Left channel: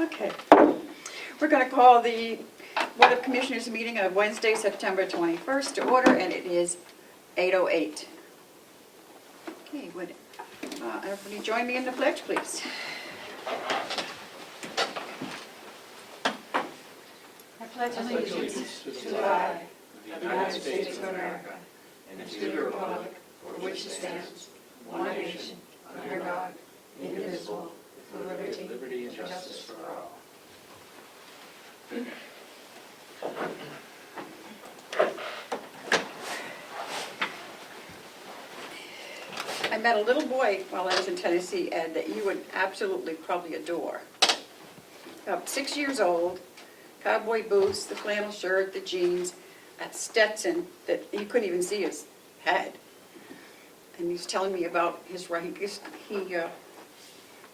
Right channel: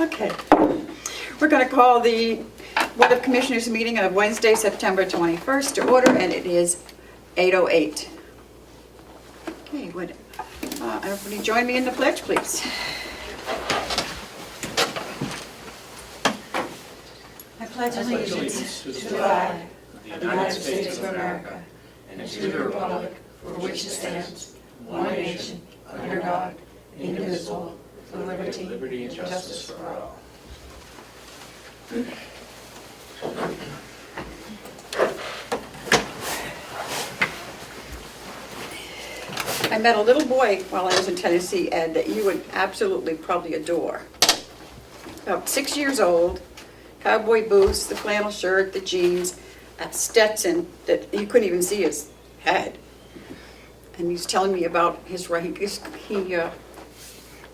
Okay. We're going to call the Board of Commissioners meeting of Wednesday, September 21st to order, and it is 8:08. Okay, would everybody join me in the pledge, please? I pledge allegiance to the flag of the United States of America and to the republic for which it stands, one nation, under God, indivisible, with liberty and justice for all. I met a little boy while I was in Tennessee, Ed, that you would absolutely probably adore. About 6 years old, cowboy boots, the flannel shirt, the jeans, a Stetson that you couldn't even see his head. And he's telling me about his he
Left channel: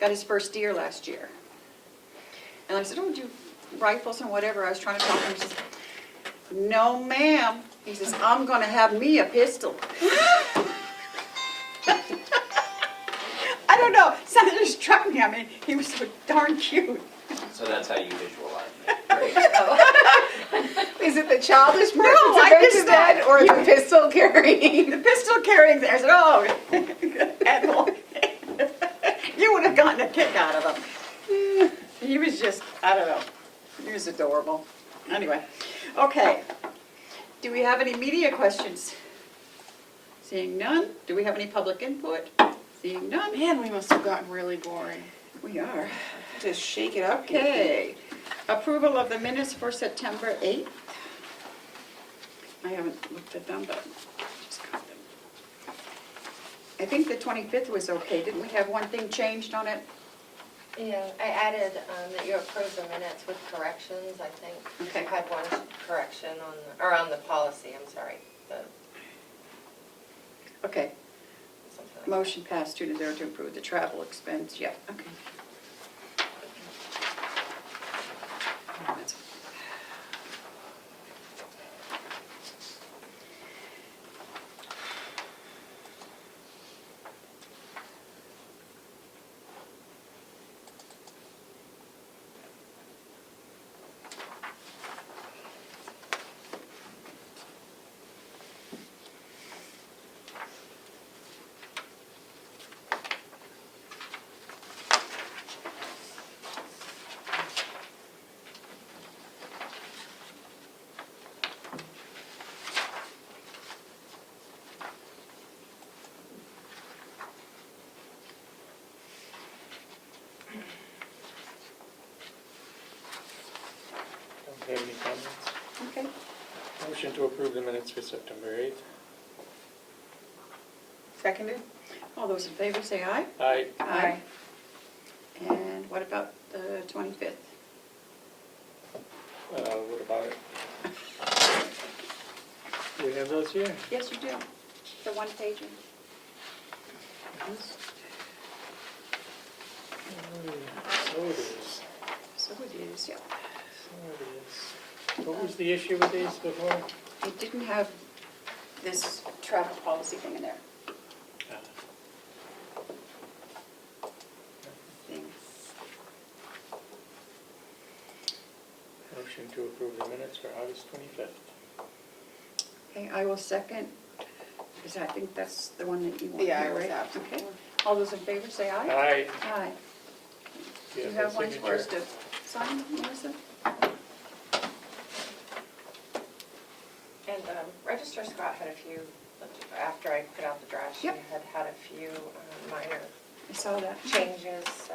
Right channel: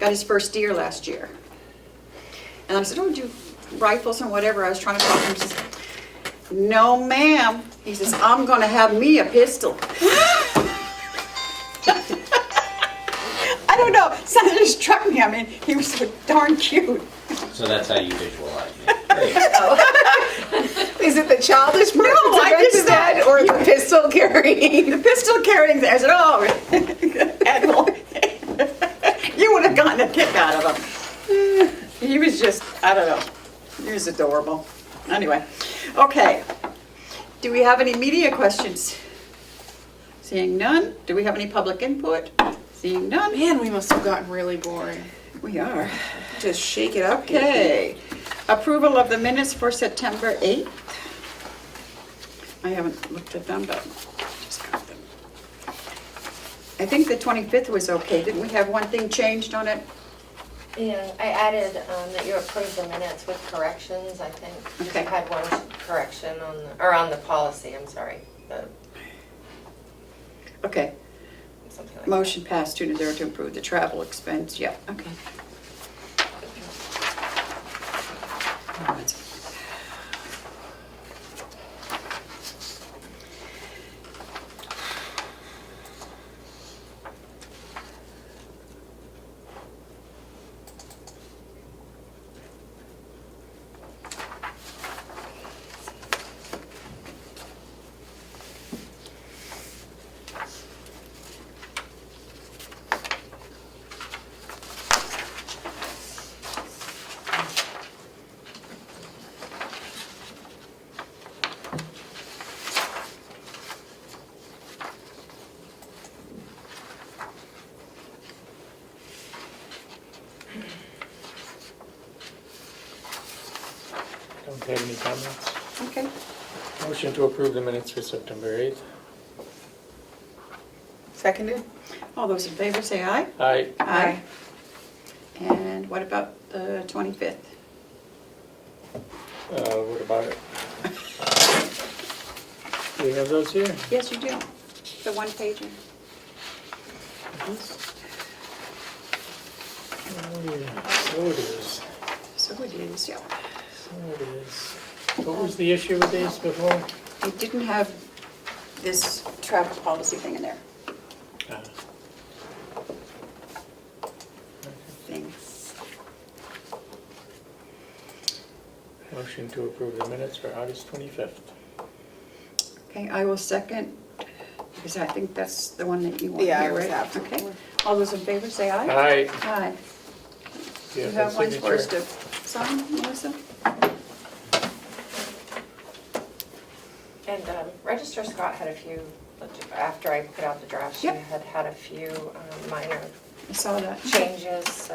got his first deer last year. And I said, oh, do rifles and whatever. I was trying to talk to him. He says, no, ma'am. He says, I'm going to have me a pistol. I don't know. Something just struck me. I mean, he was so darn cute. So that's how you visualize it. Great. Is it the childish part No, I that's just dead, or the pistol carrying? The pistol carrying there. I said, oh, Admiral, you would have gotten a kick out of him. He was just, I don't know. He was adorable. Anyway, okay. Do we have any media questions? Seeing none. Do we have any public input? Seeing none. Man, we must have gotten really boring. We are. Just shake it up. Okay. Approval of the minutes for September 8th. I haven't looked at them, but just got them. I think the 25th was okay. Didn't we have one thing changed on it? Yeah, I added that you approved the minutes with corrections, I think. Okay. You had one correction on the policy, I'm sorry. Okay. Something like Motion passed 2-0 to approve the travel expense. Yeah, okay. Don't have any comments. Okay. Motion to approve the minutes for September 8th. Seconded. All those in favor say aye. Aye. Aye. And what about the 25th? What about it? Do we have those here? Yes, you do. The one pager. Oh, yeah. So it is. So it is, yeah. So it is. What was the issue with these before? It didn't have this travel policy thing in there. Thing. Motion to approve the minutes for August 25th. Okay, I will second, because I think that's the one that you want Yeah, I here, was right? absent. Okay. All those in favor say aye. Aye. Aye. Do You that have one for us signature? to sign, Melissa? And Register Scott had a few, after I put out the draft, she Yep. had a few minor I saw that. changes, so.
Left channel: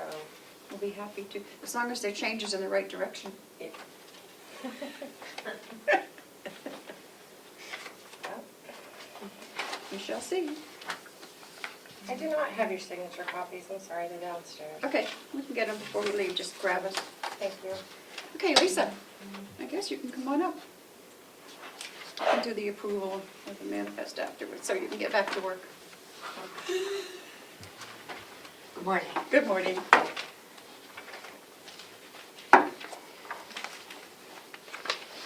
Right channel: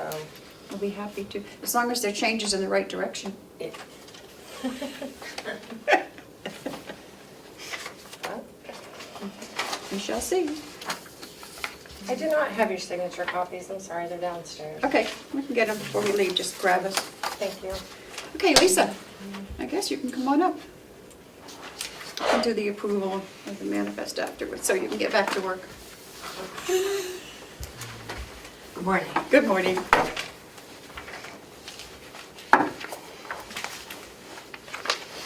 I'll be happy to, as long as they're changes in the right direction. it- We shall see. I do not have your signature copies, I'm sorry, they're downstairs. Okay, we can get them before we leave, just grab us. Thank you. Okay, Lisa, I guess you can come on up. And do the approval of the manifest afterwards, so you can get back to work. Good morning. Good morning.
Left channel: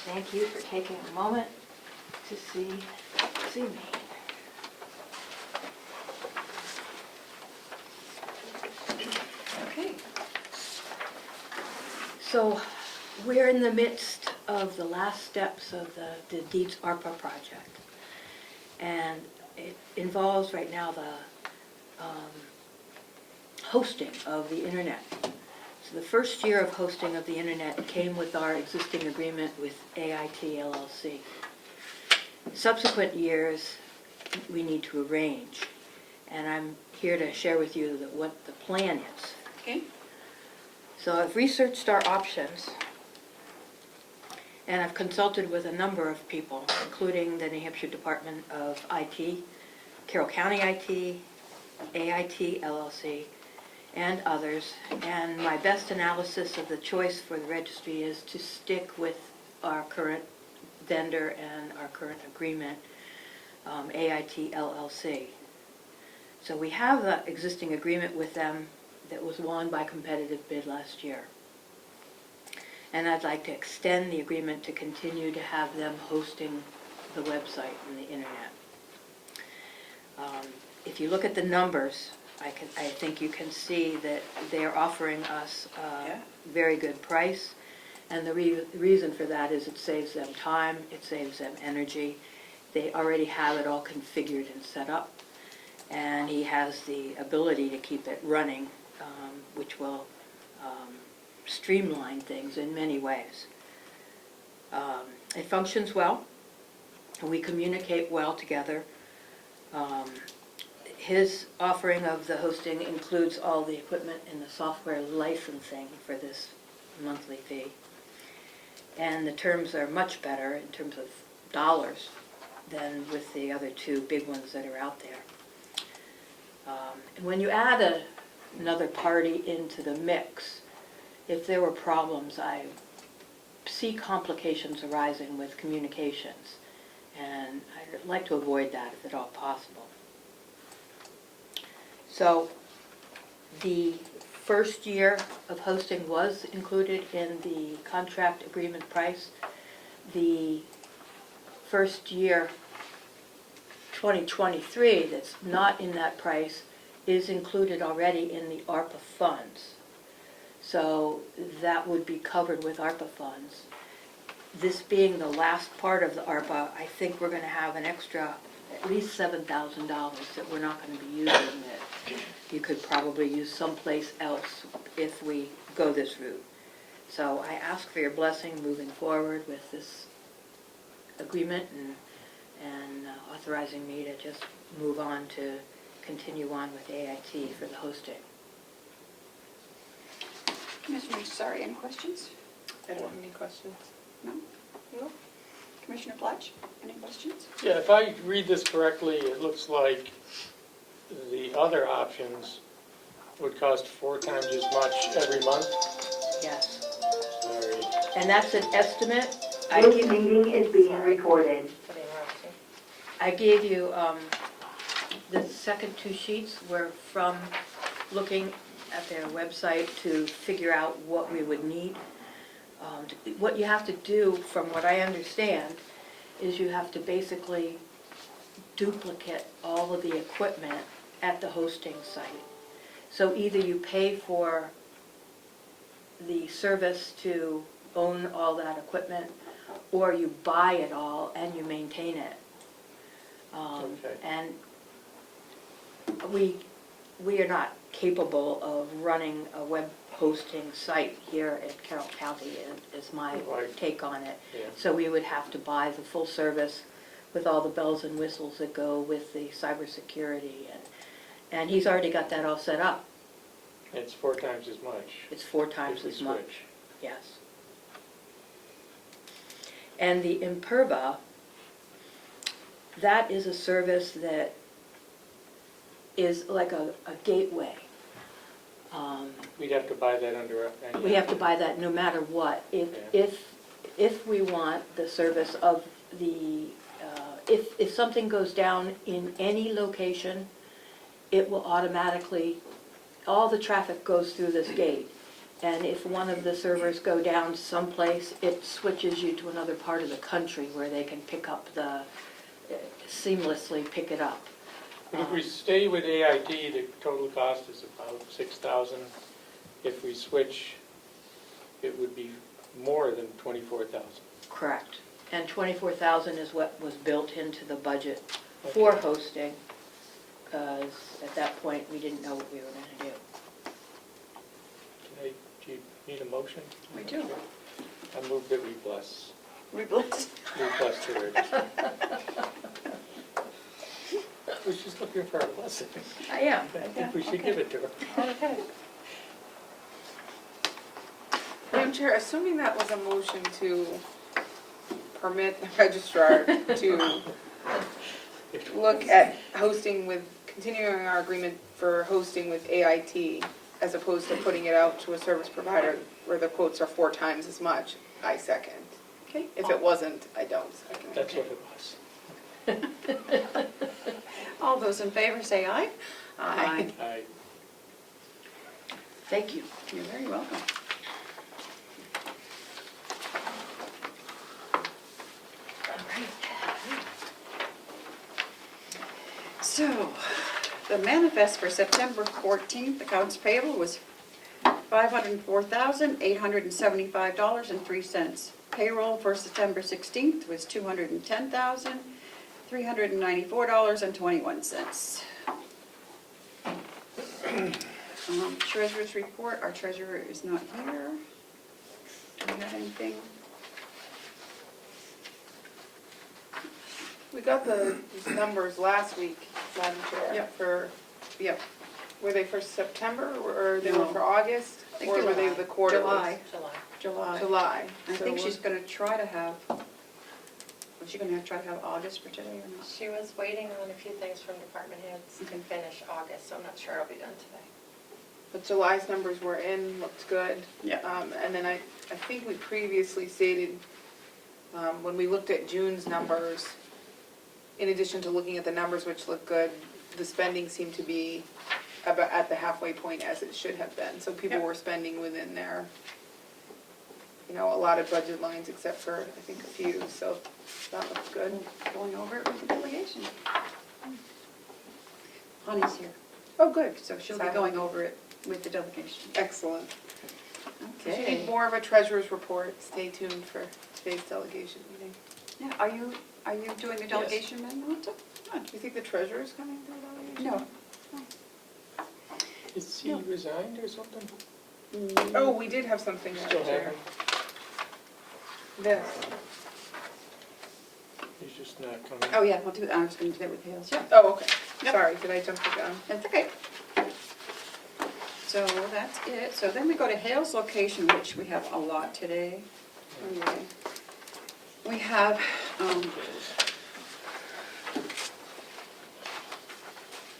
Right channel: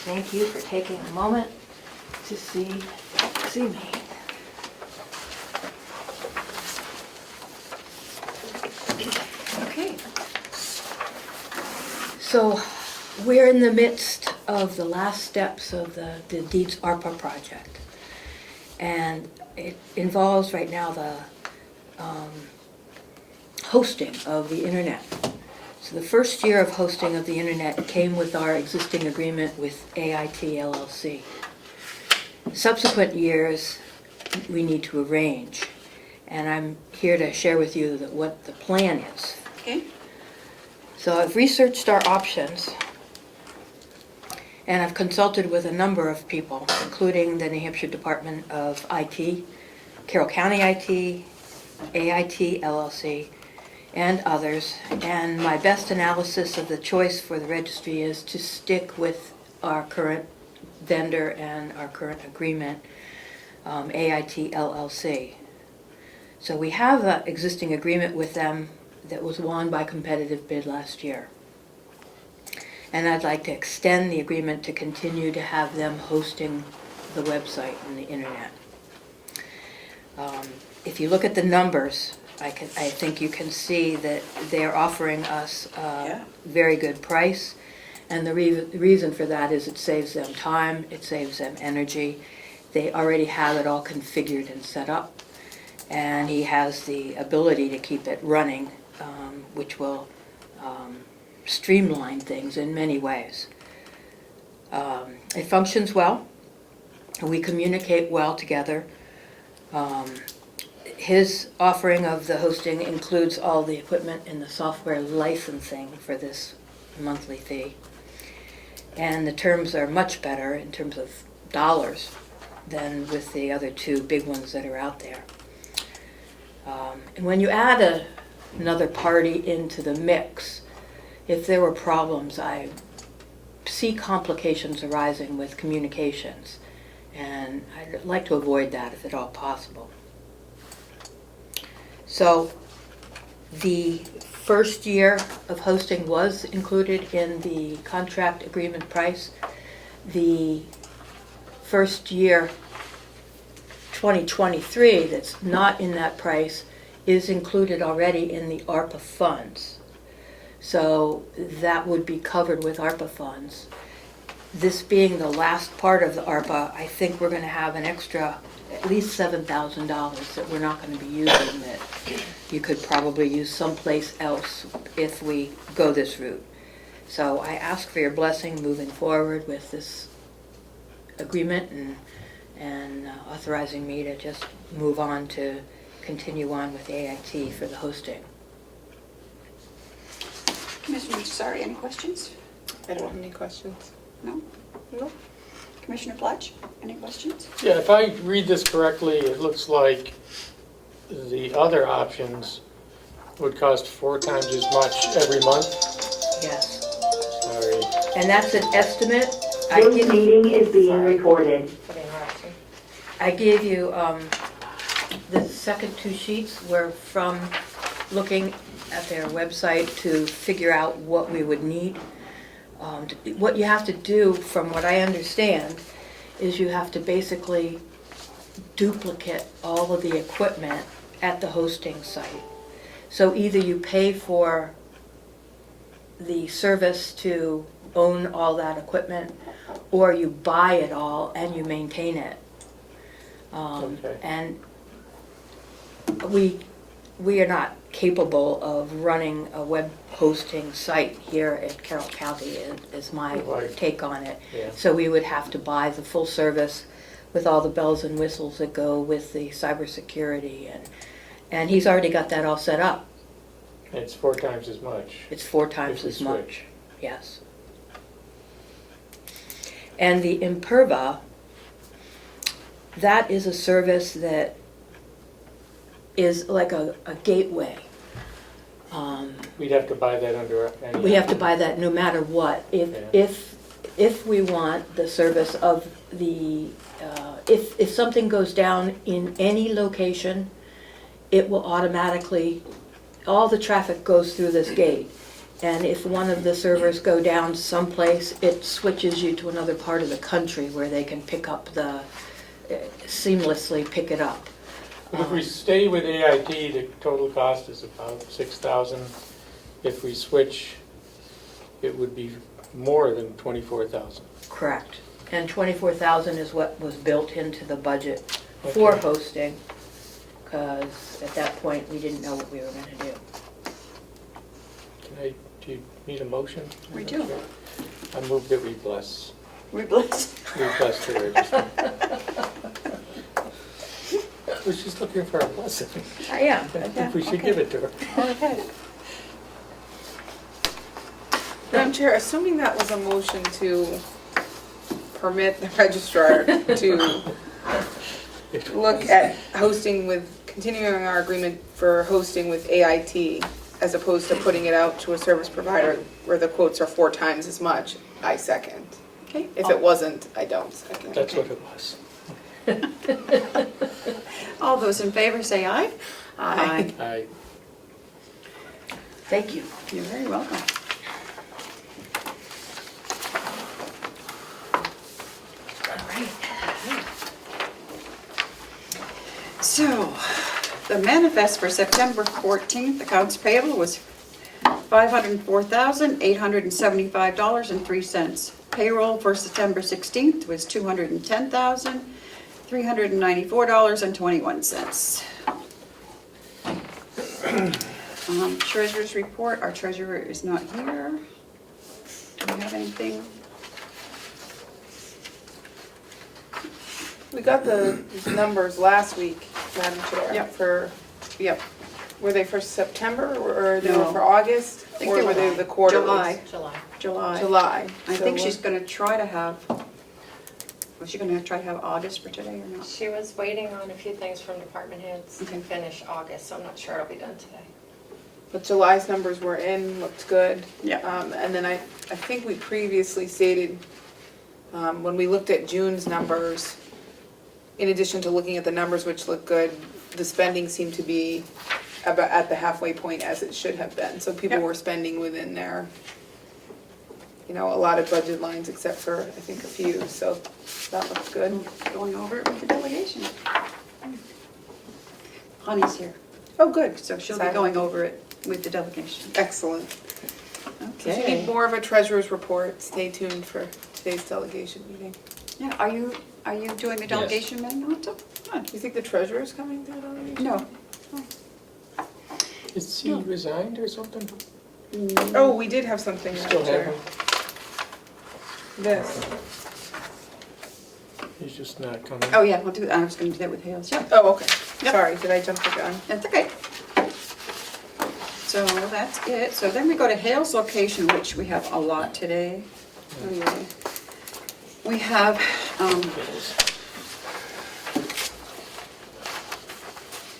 Thank you for taking a moment to see me. Okay. So we're in the midst of the last steps of the Deeds ARPA project. And it involves right now the hosting of the internet. So the first year of hosting of the internet came with our existing agreement with AIT LLC. Subsequent years, we need to arrange. And I'm here to share with you what the plan is. Okay. So I've researched our options, and I've consulted with a number of people, including the New Hampshire Department of IT, Carroll County IT, AIT LLC, and others. And my best analysis of the choice for the registry is to stick with our current vendor and our current agreement, AIT LLC. So we have an existing agreement with them that was won by competitive bid last year. And I'd like to extend the agreement to continue to have them hosting the website and the internet. If you look at the numbers, I think you can see that they're offering us a very good price. And the reason for that is it saves them time, it saves them energy. They already have it all configured and set up. And he has the ability to keep it running, which will streamline things in many ways. It functions well. We communicate well together. His offering of the hosting includes all the equipment and the software licensing for this monthly fee. And the terms are much better in terms of dollars than with the other two big ones that are out there. And when you add another party into the mix, if there were problems, I see complications arising with communications, and I'd like to avoid that if at all possible. So the first year of hosting was included in the contract agreement price. The first year 2023 that's not in that price is included already in the ARPA funds. So that would be covered with ARPA funds. This being the last part of the ARPA, I think we're going to have an extra at least $7,000 that we're not going to be using, that you could probably use someplace else if we go this route. So I ask for your blessing moving forward with this agreement and authorizing me to just move on to continue on with AIT for the hosting. Commissioner Sorry, any questions? I don't have any questions. No? No. Commissioner Fletch, any questions? Yeah, if I read this correctly, it looks like the other options would cost 4 times as much every month. Yes. Sorry. And that's an estimate. This meeting is being recorded. For the interruption. I gave you the second 2 sheets were from looking at their website to figure out what we would need. What you have to do, from what I understand, is you have to basically duplicate all of the equipment at the hosting site. So either you pay for the service to own all that equipment, or you buy it all and you maintain it. Okay. And we are not capable of running a web hosting site here at Carroll County, is my Right. take on it. Yeah. So we would have to buy the full service with all the bells and whistles that go with the cybersecurity, and he's already got that all set up. It's 4 times as much. It's 4 times If we as much, switch. yes. And the Imperva, that is a service that is like a gateway. We'd have to buy that under any... We have to buy that no matter what. If we want the service of the, if something goes down in any location, it will automatically, all the traffic goes through this gate. And if one of the servers go down someplace, it switches you to another part of the country where they can pick up seamlessly pick it up. If we stay with AIT, the total cost is about $6,000. If we switch it would be more than 24,000. Correct. And 24,000 is what was built into the budget for Okay. hosting, because at that point, we didn't know what we were gonna do. Do you need a motion? We do. I move that we bless the register. I was just looking for a blessing. I am. I think we should give it to her. Okay. Madam Chair, assuming that was a motion to permit the registrar to look at hosting with, continuing our agreement for hosting with AIT, as opposed to putting it out to a service provider where the quotes are 4 times as much, I second. Okay. If it wasn't, I don't second. That's what it was. All those in favor say aye. Aye. I, Thank you. You're very welcome. So, the manifest for September 14th, accounts payable was $504,875.03. Payroll for September 16th was $210,394.21. Treasurer's report, our treasurer is not here. Do we have anything? We got the numbers last week, Madam Chair. Yep. Yep. Were they for September or they were No. for August? think Or they were were they the quarterlies? July. July. July. I So think what- she's gonna try to have, was she gonna try to have August for today or not? She was waiting on a few things from department heads to Okay. finish August, so I'm not sure it'll be done today. But July's numbers were in, looked good. Yeah. And then I think we previously stated, when we looked at June's numbers, in addition to looking at the numbers which look good, the spending seemed to be about at the halfway point as it should have been. So people Yep. were spending within their, a lot of budget lines except for, I think, a few, so that looks good. Going over it with the delegation. Honey's here, Oh, good. so she'll be Silent. going over it with the delegation. Excellent. So if you Okay. need more of a treasurer's report, stay tuned for today's delegation meeting. Yeah, are you doing the delegation then also? Do you think the treasurer's coming to the delegation? No. is he resigned or something? Oh, we did have something, Still Madam Chair. have him? This. He's just not coming. Oh, yeah, I was gonna do that with Hales, yep, Oh, okay. Yep. Sorry, did I jump the gun? that's okay. So that's it, so then we go to Hales location, which we have a lot today. Oh, yeah. We have,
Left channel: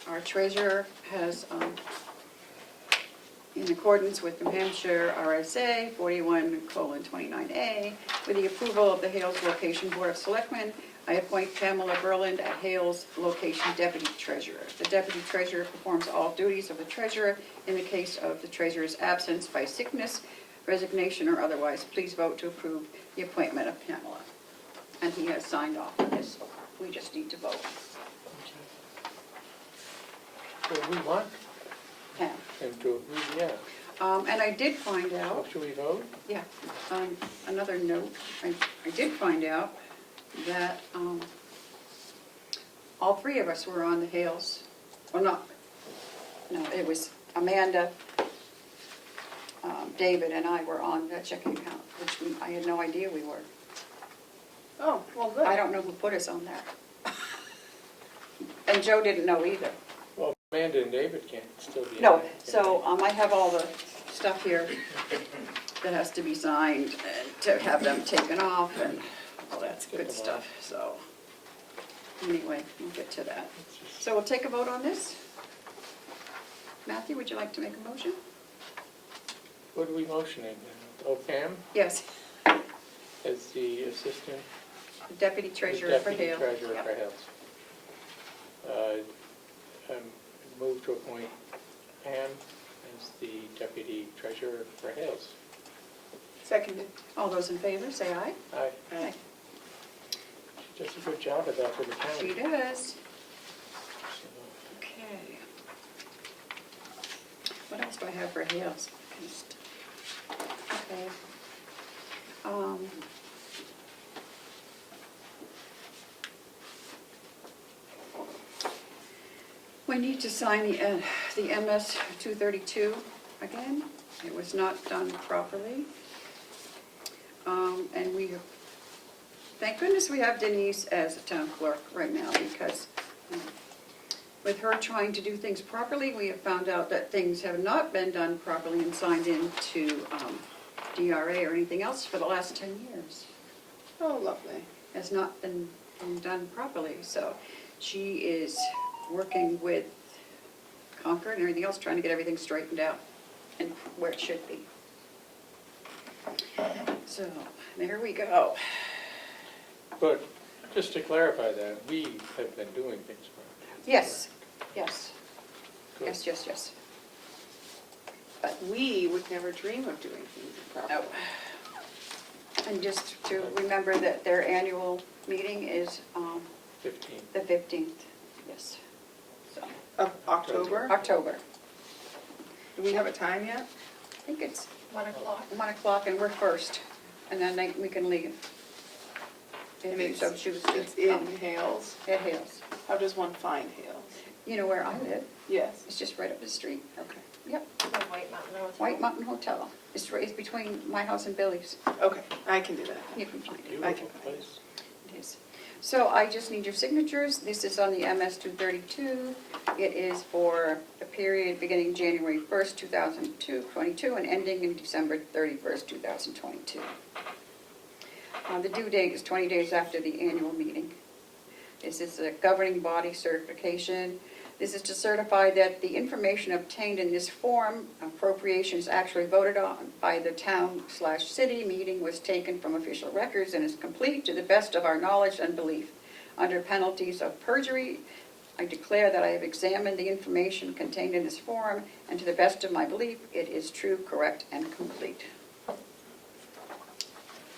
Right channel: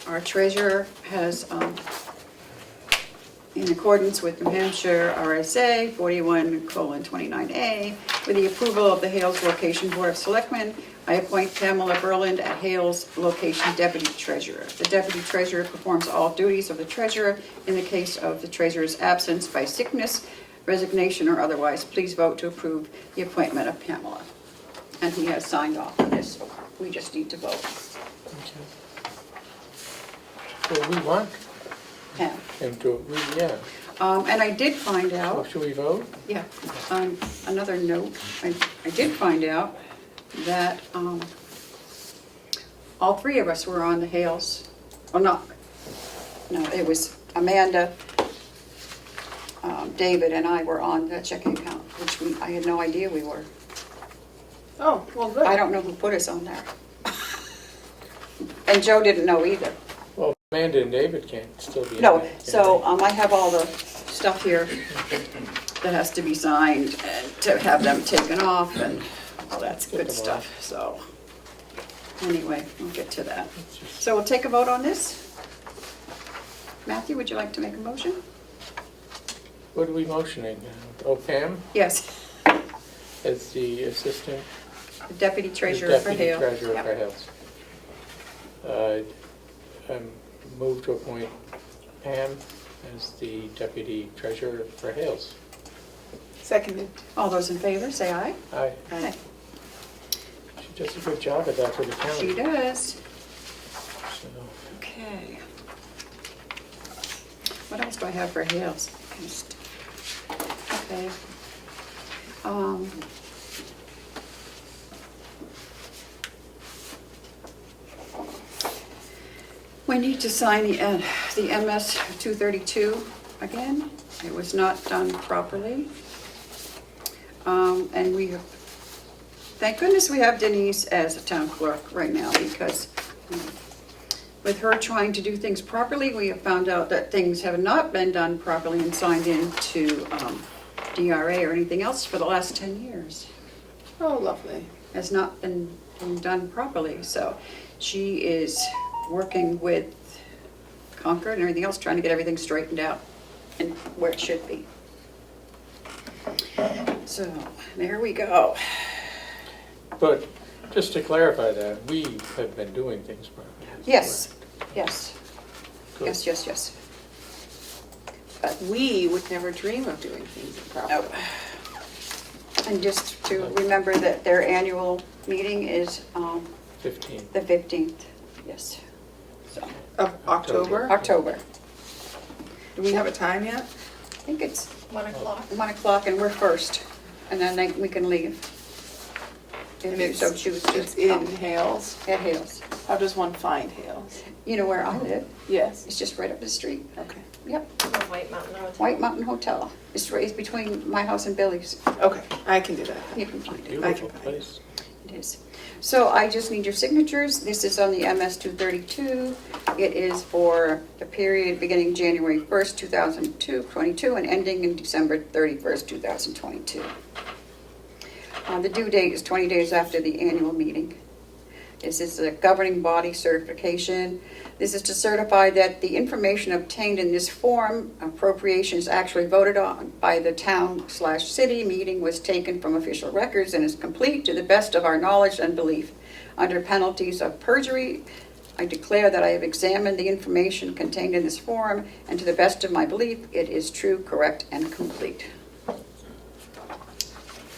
our treasurer has, in accordance with New Hampshire RSA 41:29A, with the approval of the Hales Location Board of Selectmen, I appoint Pamela Berland at Hales Location Deputy Treasurer. The Deputy Treasurer performs all duties of the treasurer in the case of the treasurer's absence by sickness, resignation, or otherwise. Please vote to approve the appointment of Pamela. And he has signed off on this, so we just need to vote. Well, we want Pam. him to, yeah. And I did find So out, should we vote? yeah, on another note, I did find out that all 3 of us were on the Hales. Well, no, it was Amanda, David, and I were on the checking account, which I had no idea we were. Oh, well, good. I don't know who put us on there. And Joe didn't know either. Well, Amanda and David can't still be. No, on it, can so I have all the stuff here that has to be signed and to have them taken off and all that's good stuff, so. Anyway, we'll get to that. So we'll take a vote on this. Matthew, would you like to make a motion? What are we motioning? Oh, Pam Yes, as the assistant the deputy treasurer for Hale. Deputy treasurer Yep. for Hales. Move to appoint Pam as the deputy treasurer for Hales. Seconded. All those in favor, say aye. Aye. Aye. She does a good job of that for the She county. does. So, Okay. What else do I have for Hales? Okay. We need to sign the MS 232 again. It was not done properly. And we have, thank goodness we have Denise as a town clerk right now, because with her trying to do things properly, we have found out that things have not been done properly and signed into DRA or anything else for the last 10 years. Oh, lovely. Has not been done properly. So she is working with Concord and everything else, trying to get everything straightened out and where it should be. So there we go. But just to clarify that, we have been doing things properly. Yes, yes, Good. yes. We would never dream of doing things improperly. And just to remember that their annual meeting is 15. the 15th, yes. So, Of October? October. Do we have a time yet? I think it's 1 o'clock. 1 o'clock and we're first, and then we can leave. And If you it's, so choose to. it's in Hales. At Hales. How does one find Hales? You know where I live? Yes. It's just right up the street. Okay. Yep, The White Mountain Hotel. White Mountain Hotel. It's between my house and Billy's. Okay, I can do that. You can find it. I Beautiful can find it. place. It is. So I just need your signatures. This is on the MS 232. It is for the period beginning January 1st, 2022 and ending in December 31st, 2022. The due date is 20 days after the annual meeting. This is a governing body certification. This is to certify that the information obtained in this form, appropriations actually voted on by the town/city meeting, was taken from official records and is complete to the best of our knowledge and belief. Under penalties of perjury, I declare that I have examined the information contained in this form, and to the best of my belief, it is true, correct, and complete.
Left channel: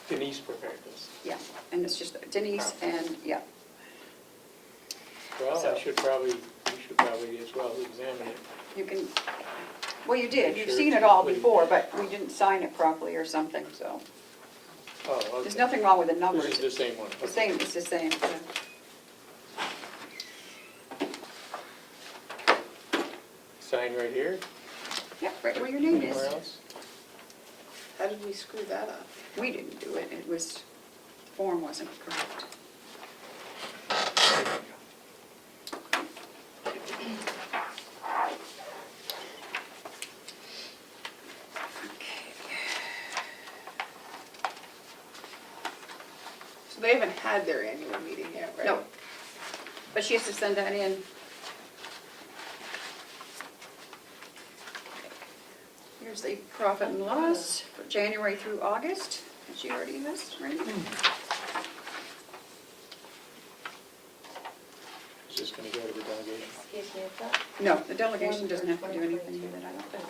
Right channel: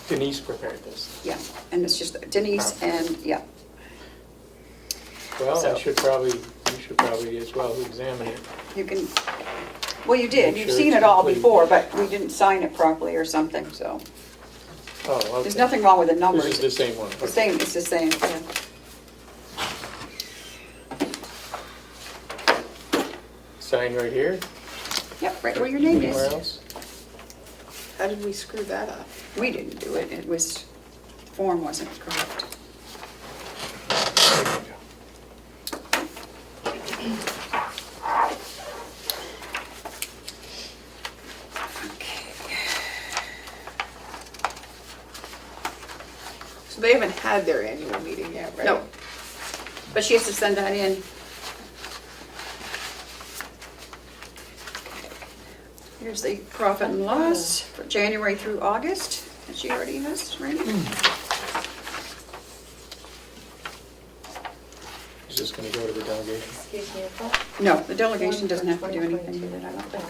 Denise prepared this. Yeah, and it's just Denise and, yeah. Well, So- you should probably as well examine it. You can, well, you did, Make you've sure seen it's it all complete. before, but we didn't sign it properly or something, so. Oh, okay. There's nothing wrong with the numbers. This is the same one. The same, it's the same, yeah. Sign right here? Yep, right where your name Anywhere is. else? How did we screw that up? We didn't do it, it was, form wasn't correct. There you go. So they haven't had their annual meeting yet, right? No, but she has to send that in. Here's the profit and loss for January through August, that she already has, right? Is this gonna go to the delegation? Excuse me, is that No, the delegation one doesn't for have to do anything 2022? with it, I don't think.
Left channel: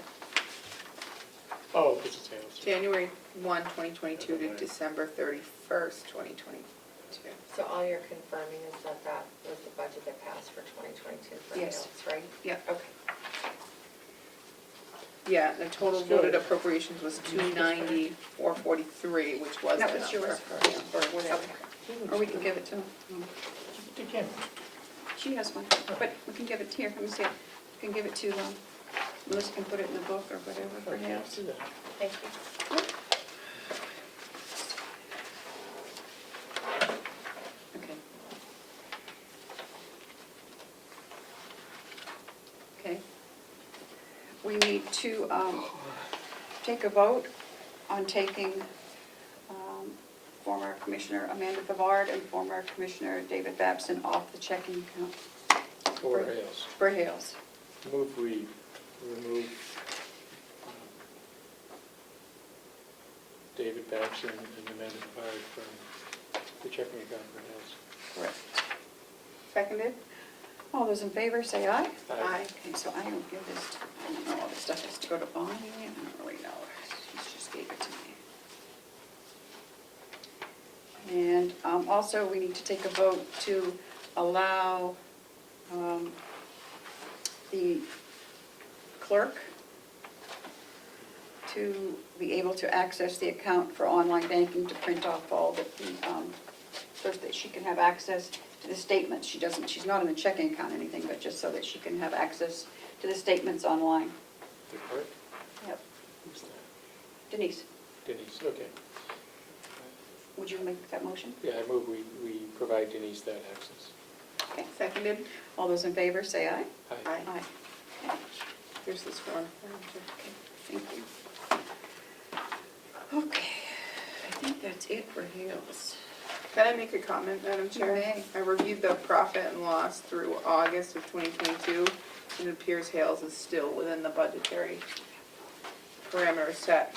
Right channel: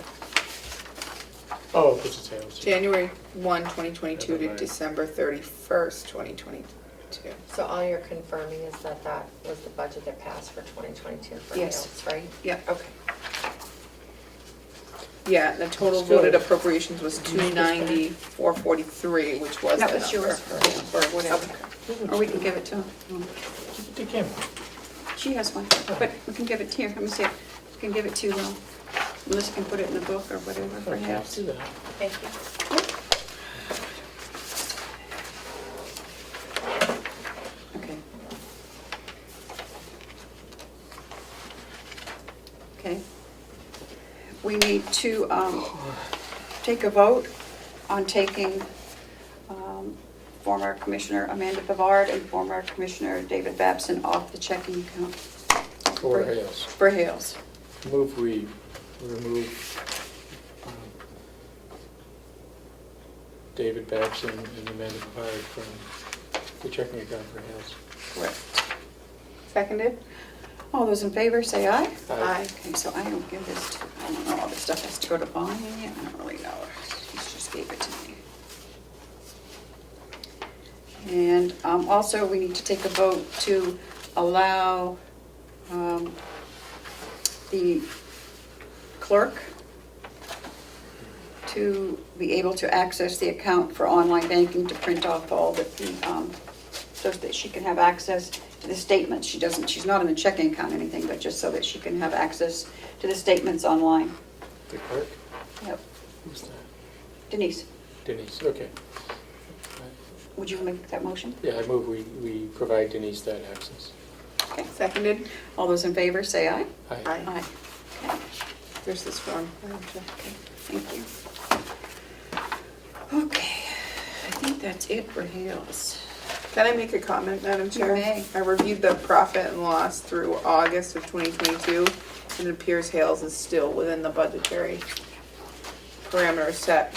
Oh, because it's Hales. January 1, 2022 to December 31st, 2022. So all you're confirming is that that was the budget that passed for 2022 for Yes. Hales, right? Yeah. Okay. Yeah, the total That's good. voted appropriations was 290,443, which was No, the it's number. yours, or whatever. Or we can give it to, Give it to Kim. she has one, but we can give it here, let me see, we can give it to, Melissa can put it in the book or whatever, Okay, perhaps. do that. Thank you. Okay. Okay. We need to take a vote on taking former Commissioner Amanda Pavard and former Commissioner David Babson off the checking account For Hales. for Hales. Move we remove David Babson and Amanda Pavard from the checking account for Hales. Correct. Seconded? All those in favor, say aye. Aye. Okay, so I don't give this to, I don't know, all this stuff has to go to Bonnie, I don't really know. She just gave it to me. And also, we need to take a vote to allow the clerk to be able to access the account for online banking to print off all the, so that she can have access the statements. She's not in the checking account or anything, but just so that she can have access to the statements online. The clerk? Yep. Who's that? Denise, Denise, okay. would you make that motion? Yeah, I move we provide Denise that access. Okay. Seconded? All those in favor, say aye. Aye. Aye. Aye. Okay, Here's this form. Madam Chair. thank you. Okay, I think that's it for Hales. Can I make a comment, Madam Chair? may. I reviewed the profit and loss through August of 2022, and it appears Hales is still within the budgetary parameters set.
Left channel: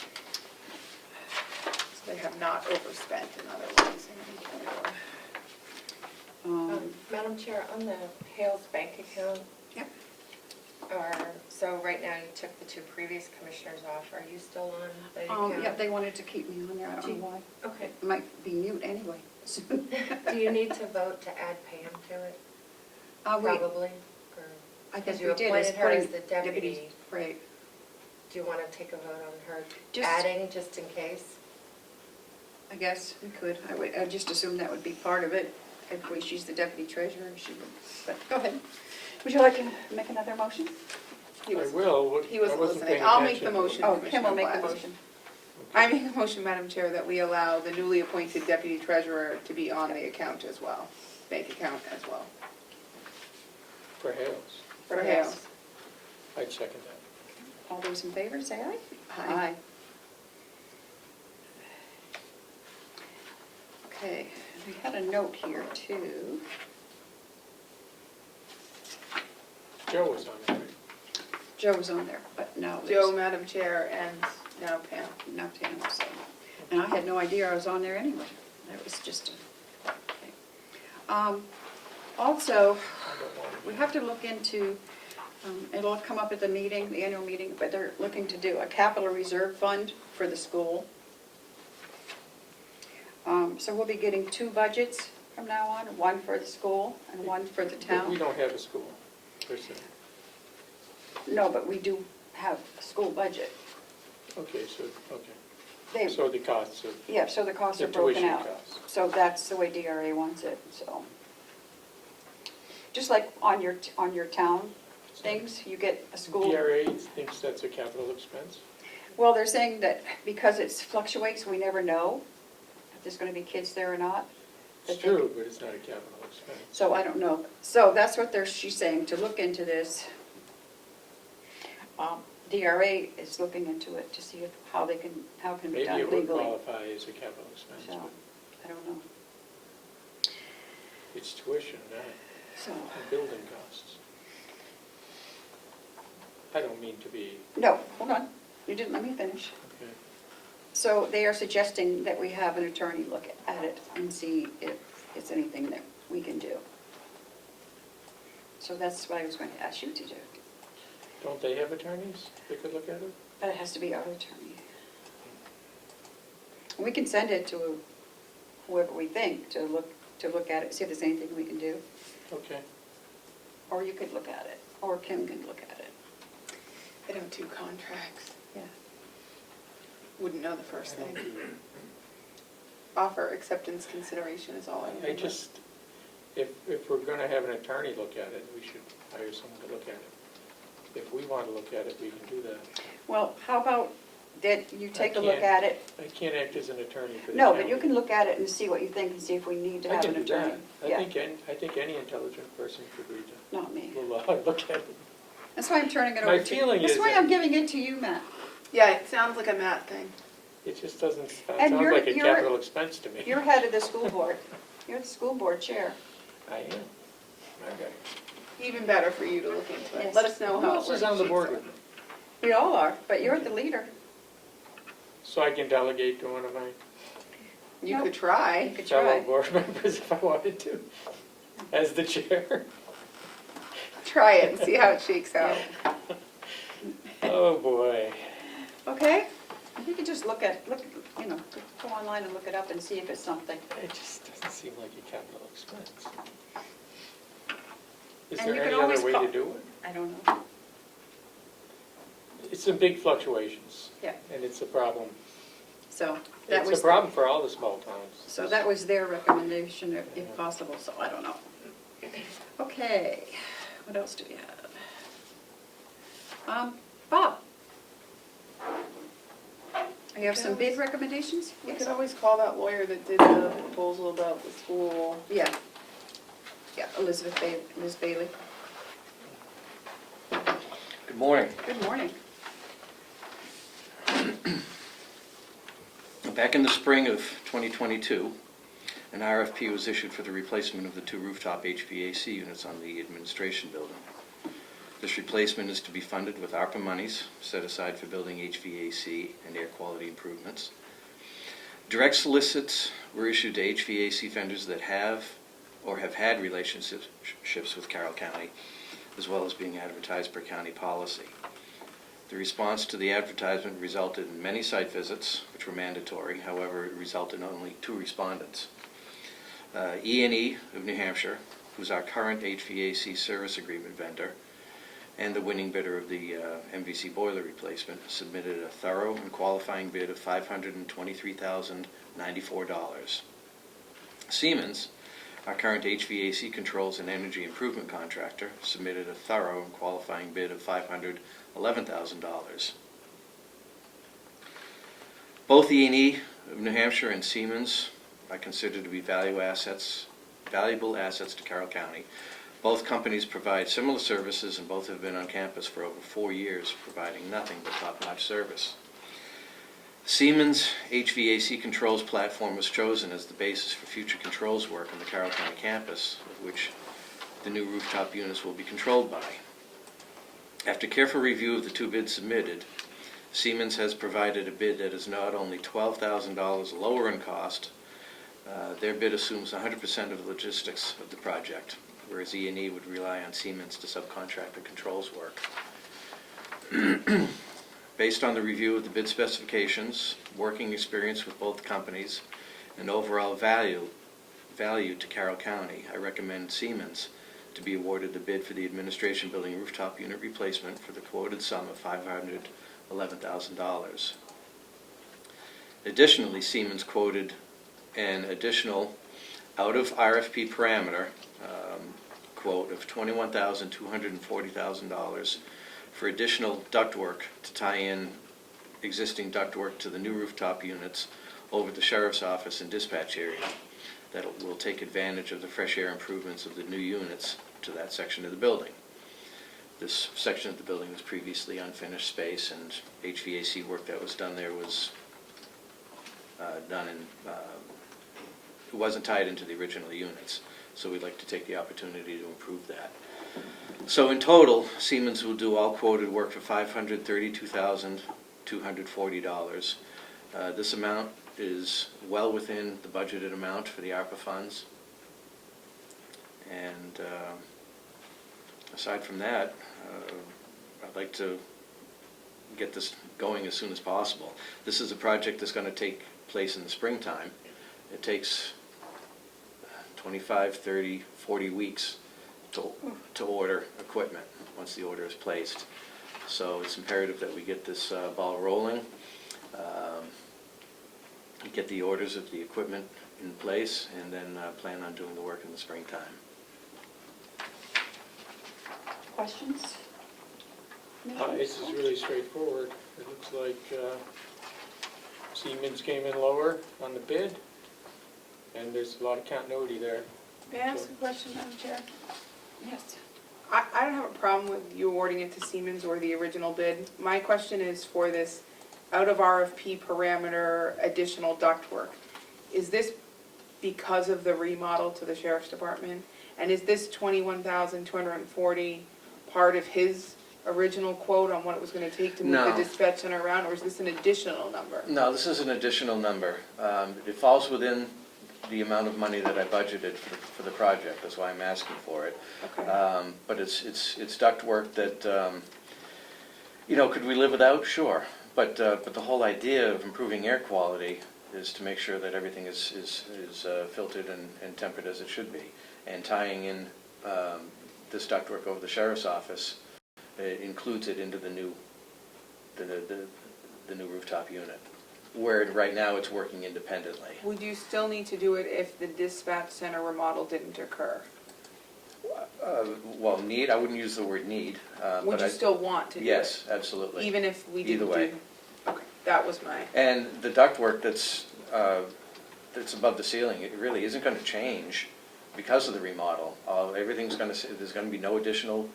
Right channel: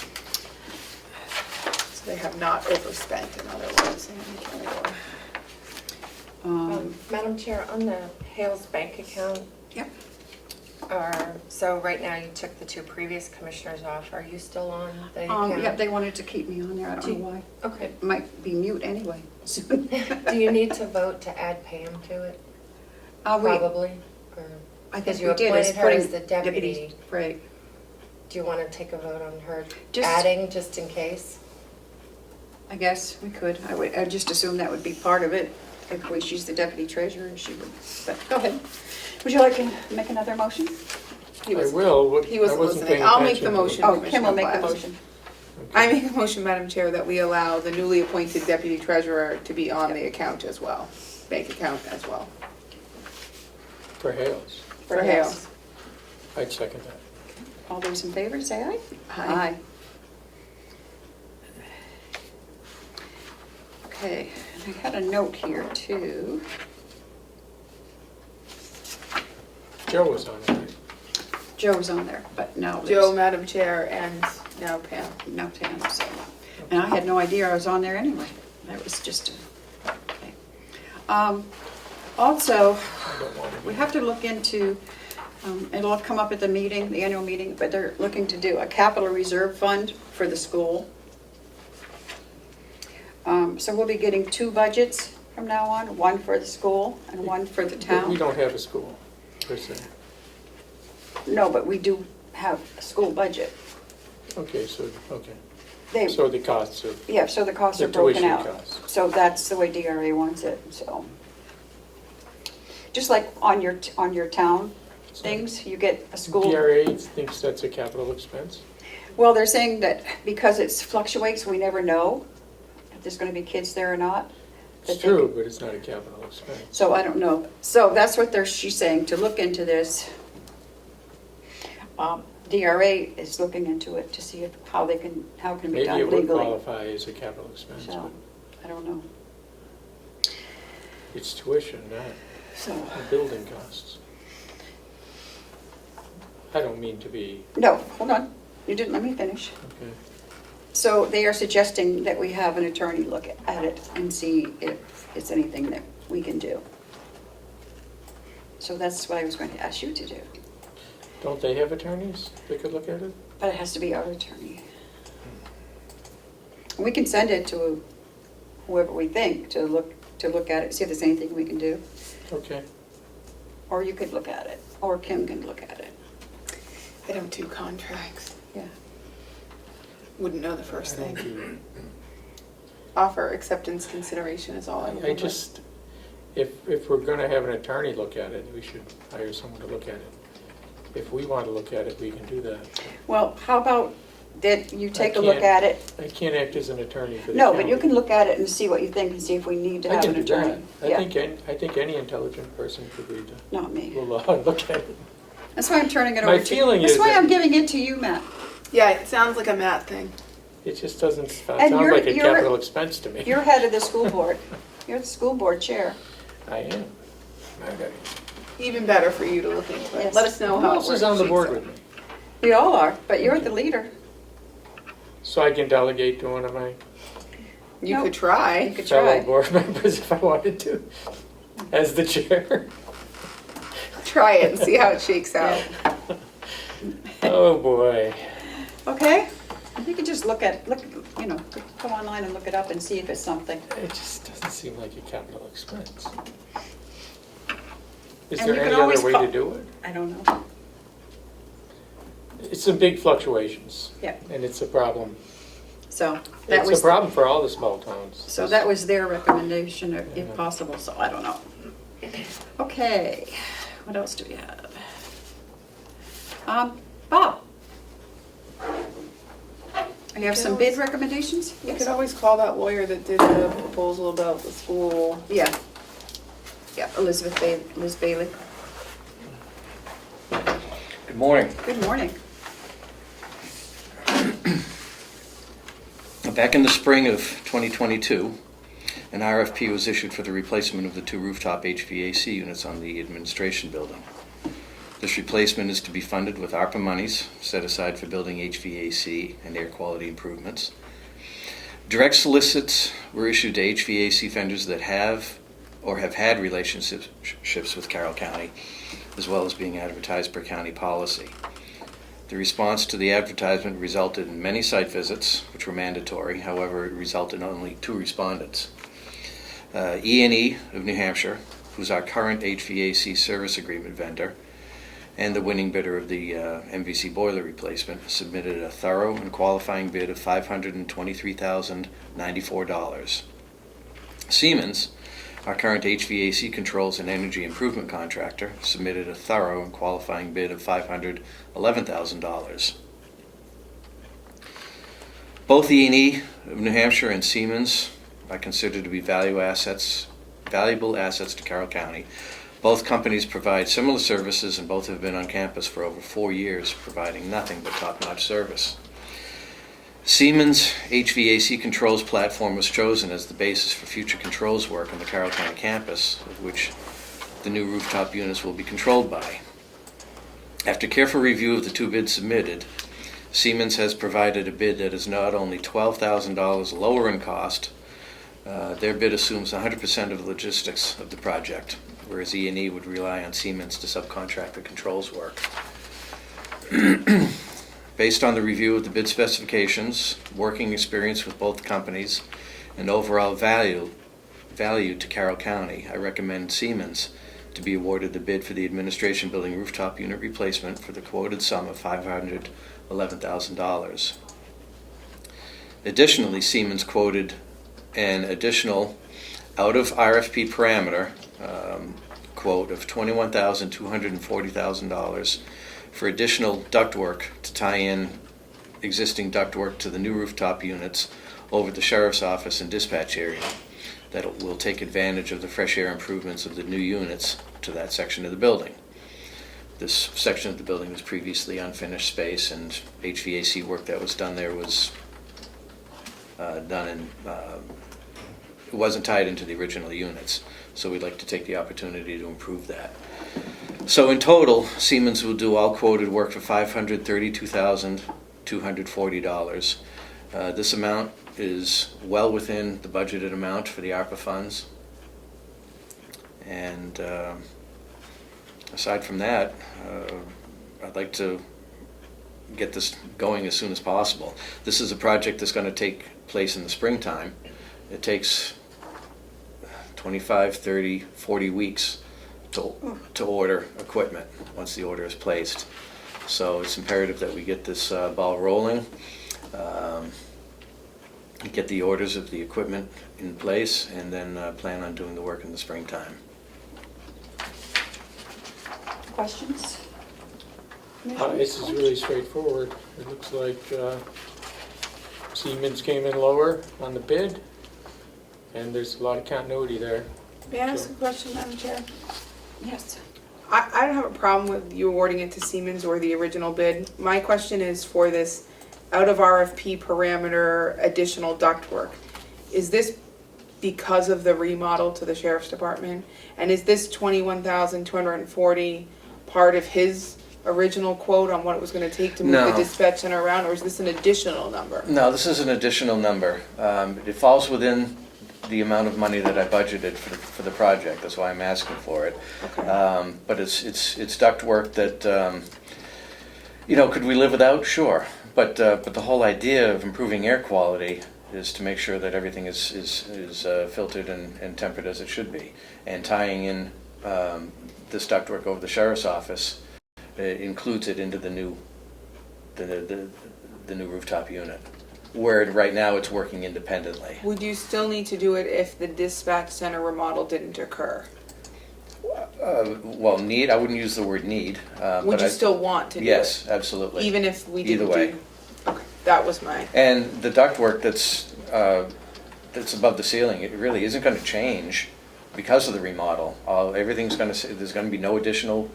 So they have not overspent, in other words, in any category. Madam Chair, on the Hales bank account, Yep. so right now you took the two previous commissioners off. Are you still on the account? Yep, they wanted to keep me on there, I don't know why. Okay. It might be mute anyway soon. Do you need to vote to add Pam to it? We- Probably? Or- I think Because you we did, appointed as her as putting the deputy. Right. Do you want to take a vote on her Just- adding, just in case? I guess we could. I'd just assume that would be part of it. If she's the deputy treasurer, she would, but go ahead. Would you like to make another motion? He I was- will. He wasn't I listening. paying I'll make the attention. motion. Oh, Kim Commissioner will make the Platt. motion. I make a motion, Madam Chair, that we allow the newly appointed deputy treasurer to be on the account as well, bank account as well, For Hales. for Hales. I'd second that. All those in favor, say aye. Aye. Okay, and I had a note here too. Joe was on it. Joe's on there, but no. Joe, Madam Chair, and now Pam. No, Pam, so. And I had no idea I was on there anyway. That was just, okay. Also, I don't want to we have to look into, it'll come up at the meeting, the annual meeting, but they're looking to do a capital reserve fund for the school. So we'll be getting two budgets from now on, one for the school and one for the We town. don't have a school, per se. No, but we do have a school budget. Okay, so, okay. They, So the costs are, yeah, so the costs the are broken tuition out. costs. So that's the way DRA wants it, so. Just like on your town things, you get a school. DRA thinks that's a capital expense? Well, they're saying that because it fluctuates, we never know if there's gonna be kids there or not. It's that they true, could- but it's not a capital expense. So I don't know. So that's what she's saying, to look into this. DRA is looking into it to see how it can be Maybe done it would legally. qualify as a capital expense, So, but I don't know. it's tuition, not So, the building costs. I don't mean to be, no, hold on. You didn't let me finish. okay. So they are suggesting that we have an attorney look at it and see if it's anything that we can do. So that's what I was going to ask you to do. Don't they have attorneys that could look at it? But it has to be our attorney. We can send it to whoever we think to look at it, see if there's anything we can do. Okay. Or you could look at it, or Kim can look at it. I don't do contracts. Yeah. Wouldn't know the first I don't thing. do- Offer acceptance consideration is all I remember. I just, if we're gonna have an attorney look at it, we should hire someone to look at it. If we want to look at it, we can do that. Well, how about that you take a I look can't- at it? I can't act as an attorney for the No, county. but you can look at it and see what you think and see if we need to I have can an do attorney. that. Yeah, I think any intelligent person could read that. not me. Will look at it. That's why I'm turning it My over to you. feeling That's is why that- I'm giving it to you, Matt. Yeah, it sounds like a Matt thing. It just doesn't And sound you're- like a you're- capital expense to me. You're head of the school board. You're the school board chair. I am. Okay. Even better for you to look into it. Yes. Let us know Who how it else works. is on the shakes board out. with me? We all are, but you're the leader. So I can delegate to one of my You No. could You try. could fellow try. board members if I wanted to, as the chair. Try it and see how it shakes out. Oh, boy. Okay? You can just look, you know, go online and look it up and see if it's something. It just doesn't seem like a capital expense. Is And there you any can other always way call- to do it? I don't know. It's some big fluctuations. Yeah. And it's a problem. So that It's was, a problem for all the small towns. so that was their recommendation if possible, so I don't know. Okay, what else do we have? Bob? You have some bid recommendations? You Yes. could always call that lawyer that did the proposal about the school. Yeah. Yeah, Liz Bailey. Good morning. Good morning. Back in the spring of 2022, an RFP was issued for the replacement of the 2 rooftop HVAC units on the administration building. This replacement is to be funded with ARPA monies set aside for building HVAC and air quality improvements. Direct solicits were issued to HVAC vendors that have or have had relationships with Carroll County, as well as being advertised per county policy. The response to the advertisement resulted in many site visits, which were mandatory. However, it resulted in only 2 respondents. E&E of New Hampshire, who's our current HVAC service agreement vendor, and the winning bidder of the MVC boiler replacement, submitted a thorough and qualifying bid of $523,094. Siemens, our current HVAC controls and energy improvement contractor, submitted a thorough and qualifying bid of $511,000. Both E&E of New Hampshire and Siemens are considered to be valuable assets to Carroll County. Both companies provide similar services, and both have been on campus for over 4 years, providing nothing but top-notch service. Siemens HVAC controls platform was chosen as the basis for future controls work on the Carroll County campus, of which the new rooftop units will be controlled by. After careful review of the 2 bids submitted, Siemens has provided a bid that is not only $12,000 lower in cost, their bid assumes 100% of the logistics of the project, whereas E&E would rely on Siemens to subcontract the controls work. Based on the review of the bid specifications, working experience with both companies, and overall value to Carroll County, I recommend Siemens to be awarded the bid for the administration building rooftop unit replacement for the quoted sum of $511,000. Additionally, Siemens quoted an additional out of RFP parameter quote of $21,240,000 for additional ductwork to tie in existing ductwork to the new rooftop units over the sheriff's office and dispatch area that will take advantage of the fresh air improvements of the new units to that section of the building. This section of the building was previously unfinished space, and HVAC work that was done there was done in it wasn't tied into the original units, so we'd like to take the opportunity to improve that. So in total, Siemens will do all quoted work for $532,240. This amount is well within the budgeted amount for the ARPA funds. And aside from that, I'd like to get this going as soon as possible. This is a project that's going to take place in the springtime. It takes 25, 30, 40 weeks to order equipment once the order is placed. So it's imperative that we get this ball rolling, get the orders of the equipment in place, and then plan on doing the work in the springtime. Questions? This is really straightforward. It looks like Siemens came in lower on the bid, and there's a lot of continuity there. May I ask a question, Madam Chair? Yes. I don't have a problem with you awarding it to Siemens or the original bid. My question is for this out of RFP parameter additional ductwork. Is this because of the remodel to the sheriff's department? And is this $21,240 part of his original quote on what it was going to take to move No. the dispatch center around, or is this an additional number? No, this is an additional number. It falls within the amount of money that I budgeted for the project. That's why I'm asking for it. Okay. But it's ductwork that, could we live without? Sure. But the whole idea of improving air quality is to make sure that everything is filtered and tempered as it should be. And tying in this ductwork over the sheriff's office includes it into the new rooftop unit, where right now it's working independently. Would you still need to do it if the dispatch center remodel didn't occur? Well, need, I wouldn't use the word need, Would but you I, still want to do it? yes, absolutely. Even if we didn't Either way. do? Okay, that was my, And the ductwork that's above the ceiling, it really isn't gonna change because of the remodel. Everything's there's gonna be no additional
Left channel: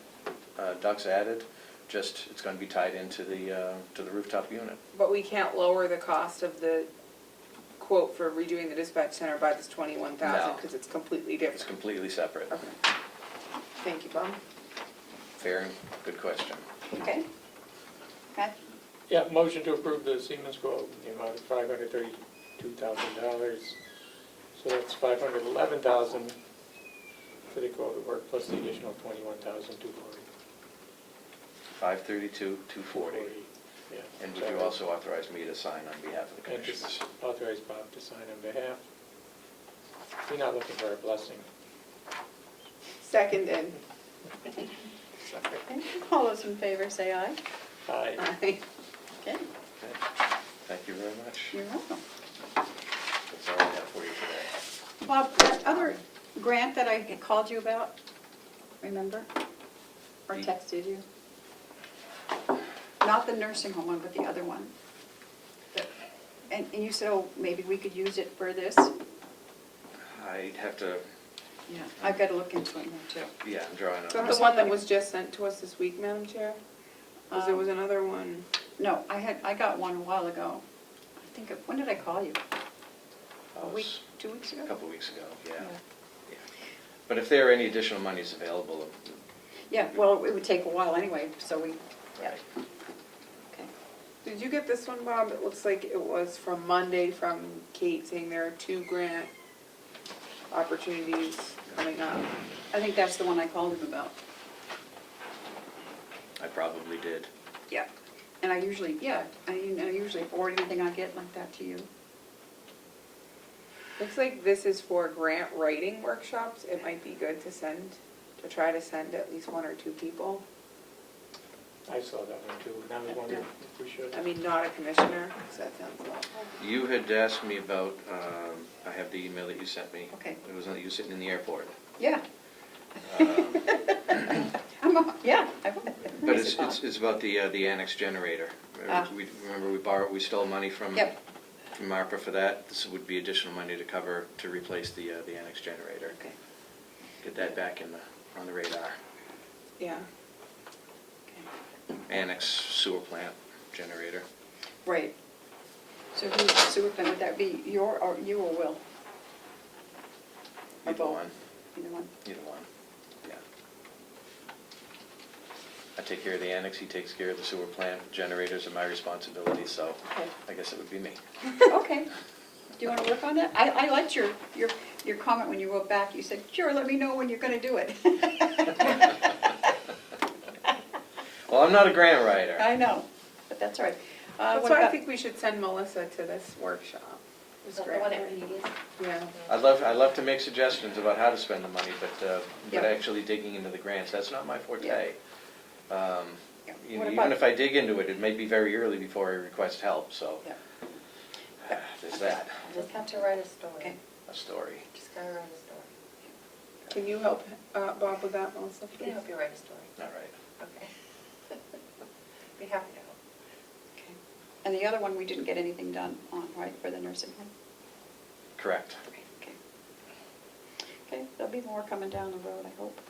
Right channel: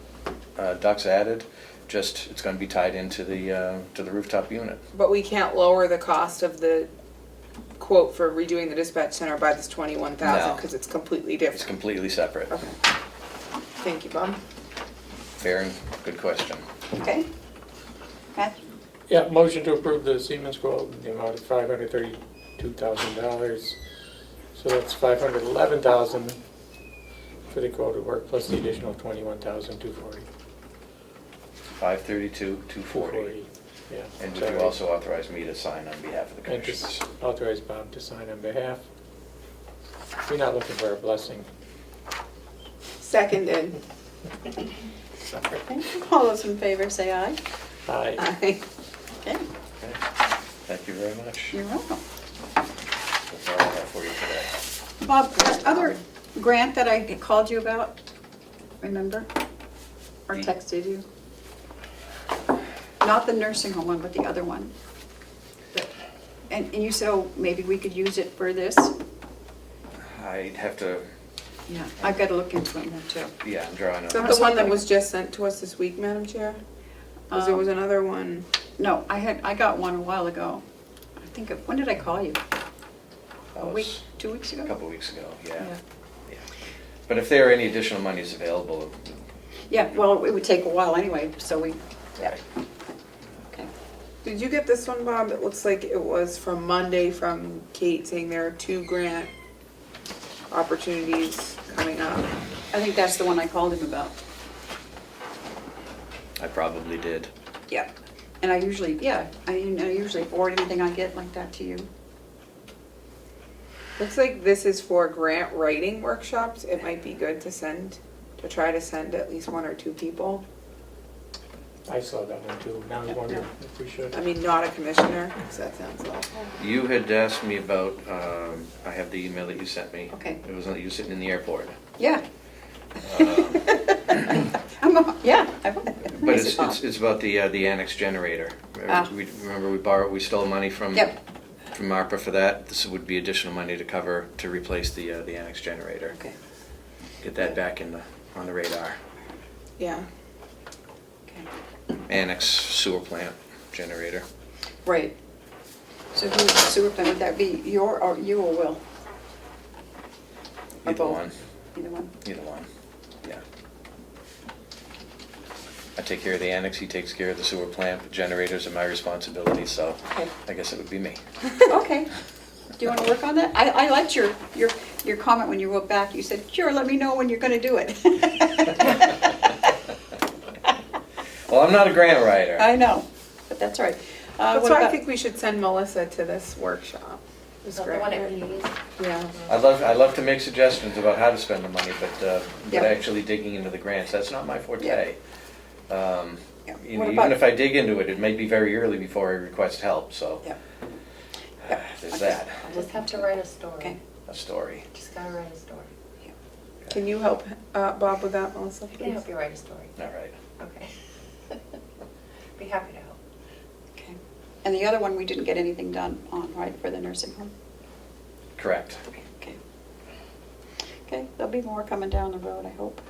ducts added, just, it's gonna be tied into the rooftop unit. but we can't lower the cost of the quote for redoing the dispatch center by this 21,000, No. because it's completely It's different. completely separate. Okay. Thank you, Bob. Fair and good question. Okay? Matthew? Yeah, motion to approve the Siemens quote in the amount of $532,000. So that's $511,000 for the quoted work plus the additional $21,240. 532, 240. Yeah. And would you also authorize me to sign on behalf of the And commissioners? just authorize Bob to sign on behalf. We're not looking for a blessing. Seconded. Okay. All those in favor say aye. Aye. Aye. Okay, Okay. Thank you very much. you're welcome. That's all I have for you today. Bob, that other grant that I called you about, remember? Or texted you? Not the nursing home one, but the other one. And you said, oh, maybe we could use it for this? I'd have to, Yeah. I've got to look into it now too. yeah, I'm drawing Is that on. the one that was just sent to us this week, Madam Chair? Because there was Um, another one. No, I got one a while ago. I think, when did I call you? A week, 2 weeks ago? A couple weeks ago, yeah. Yeah. Yeah. But if there are any additional monies available, Yeah, well, it would take a while anyway, so we, yeah. Okay. Did you get this one, Bob? It looks like it was from Monday from Kate saying there are 2 grant opportunities coming up. I think that's the one I called him about. I probably did. Yeah. And I usually, yeah, I usually forward anything I get like that to you. Looks like this is for grant writing workshops. It might be good to try to send at least 1 or 2 people. I saw that one too. Now I wonder if we should. I mean, not a commissioner, because that sounds awful. You had asked me about, I have the email that you sent me. Okay. It was, you sitting in the airport. Yeah. Yeah, I would. But it's about the annex generator. Ah. Remember we stole money from Yep. from ARPA for that. This would be additional money to replace the annex generator. Okay. Get that back on the radar. Yeah. Okay. Annex sewer plant generator. Right. So who's the sewer plant? Would that be you or Will? Or Either both? one. Either one. Either one. Yeah. I take care of the annex, he takes care of the sewer plant. The generators are my responsibility, so Okay. I guess it would be me. Okay. Do you want to work on that? I liked your comment when you wrote back. You said, sure, let me know when you're going to do it. Well, I'm not a grant writer. I know, but that's all right. That's What why I about- think we should send Melissa to this workshop. This The grant one at writing. Lee's. Yeah. I'd love to make suggestions about how to spend the money, but Yeah. actually digging into the grants, that's not my forte. Yeah. What Even about- if I dig into it, it may be very early before I request help, so Yeah. there's Okay. that, Just have to write a story. Okay. a story. Just gotta write a story. Can you help Bob with that, Melissa, I can please? help you write a story. All right. Okay. Be happy to help. Okay. And the other one, we didn't get anything done on, right, for the nursing home? Correct. Okay. Okay, there'll be more coming down the road, I hope.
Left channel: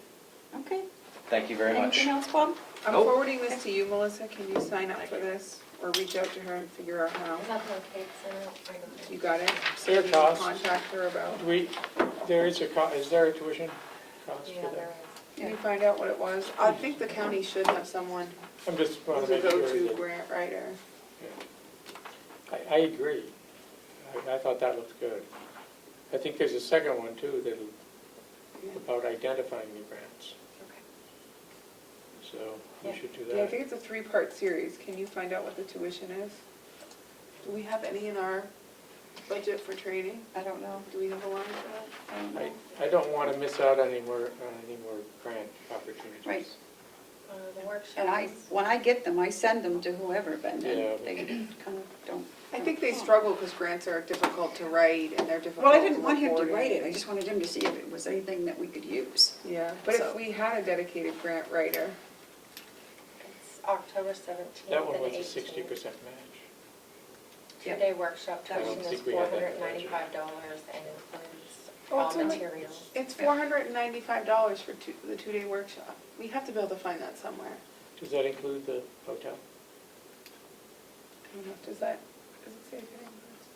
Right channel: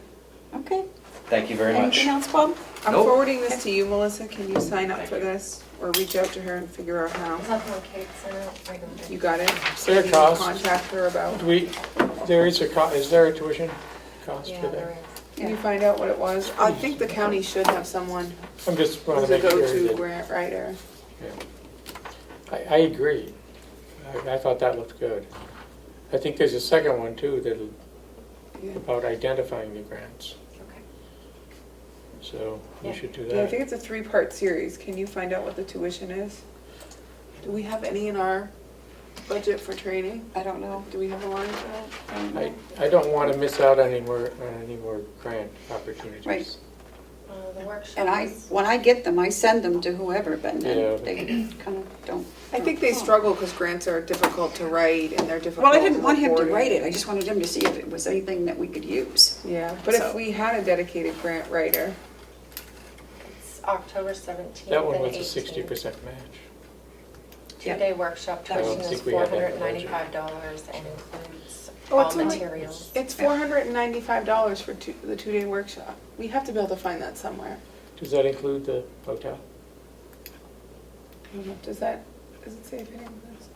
Okay. Thank you very much. Anything else, Bob? I'm Nope. forwarding this to you, Melissa. Can you sign up Thank for you. this? Or reach out to her and figure out how? Is that the one Kate sent out? I don't know. You got it? So There you cost. contact her about, Is there a tuition cost Yeah, for there that? is. can you find out what it was? I think the county should have someone I'm just want who's to a make sure go-to that, grant writer. I agree. I thought that looked good. I think there's a second one too that'll, Yeah. about identifying the grants. Okay. So we Yeah. should do Yeah, I that. think it's a 3-part series. Can you find out what the tuition is? Do we have any in our budget for training? I don't know. Do we have a line for that? I don't know. I don't want to miss out on any more grant opportunities. Right. The workshop. And when I get them, I send them to whoever, but Yeah. then they kind of don't I think they struggle because grants are difficult to write and they're difficult. Well, I didn't want him to reporting. write it, I just wanted him to see if it was anything that we could use. Yeah, but if So- we had a dedicated grant writer, It's October 17th That one and was a 18th. 60% match. Two-day workship I don't tuition is think we had that $495 and includes Oh, all it's only- materials. it's $495 for the 2-day workshop. We have to be able to find that somewhere. Does that include the hotel? I don't know, does it say if it includes?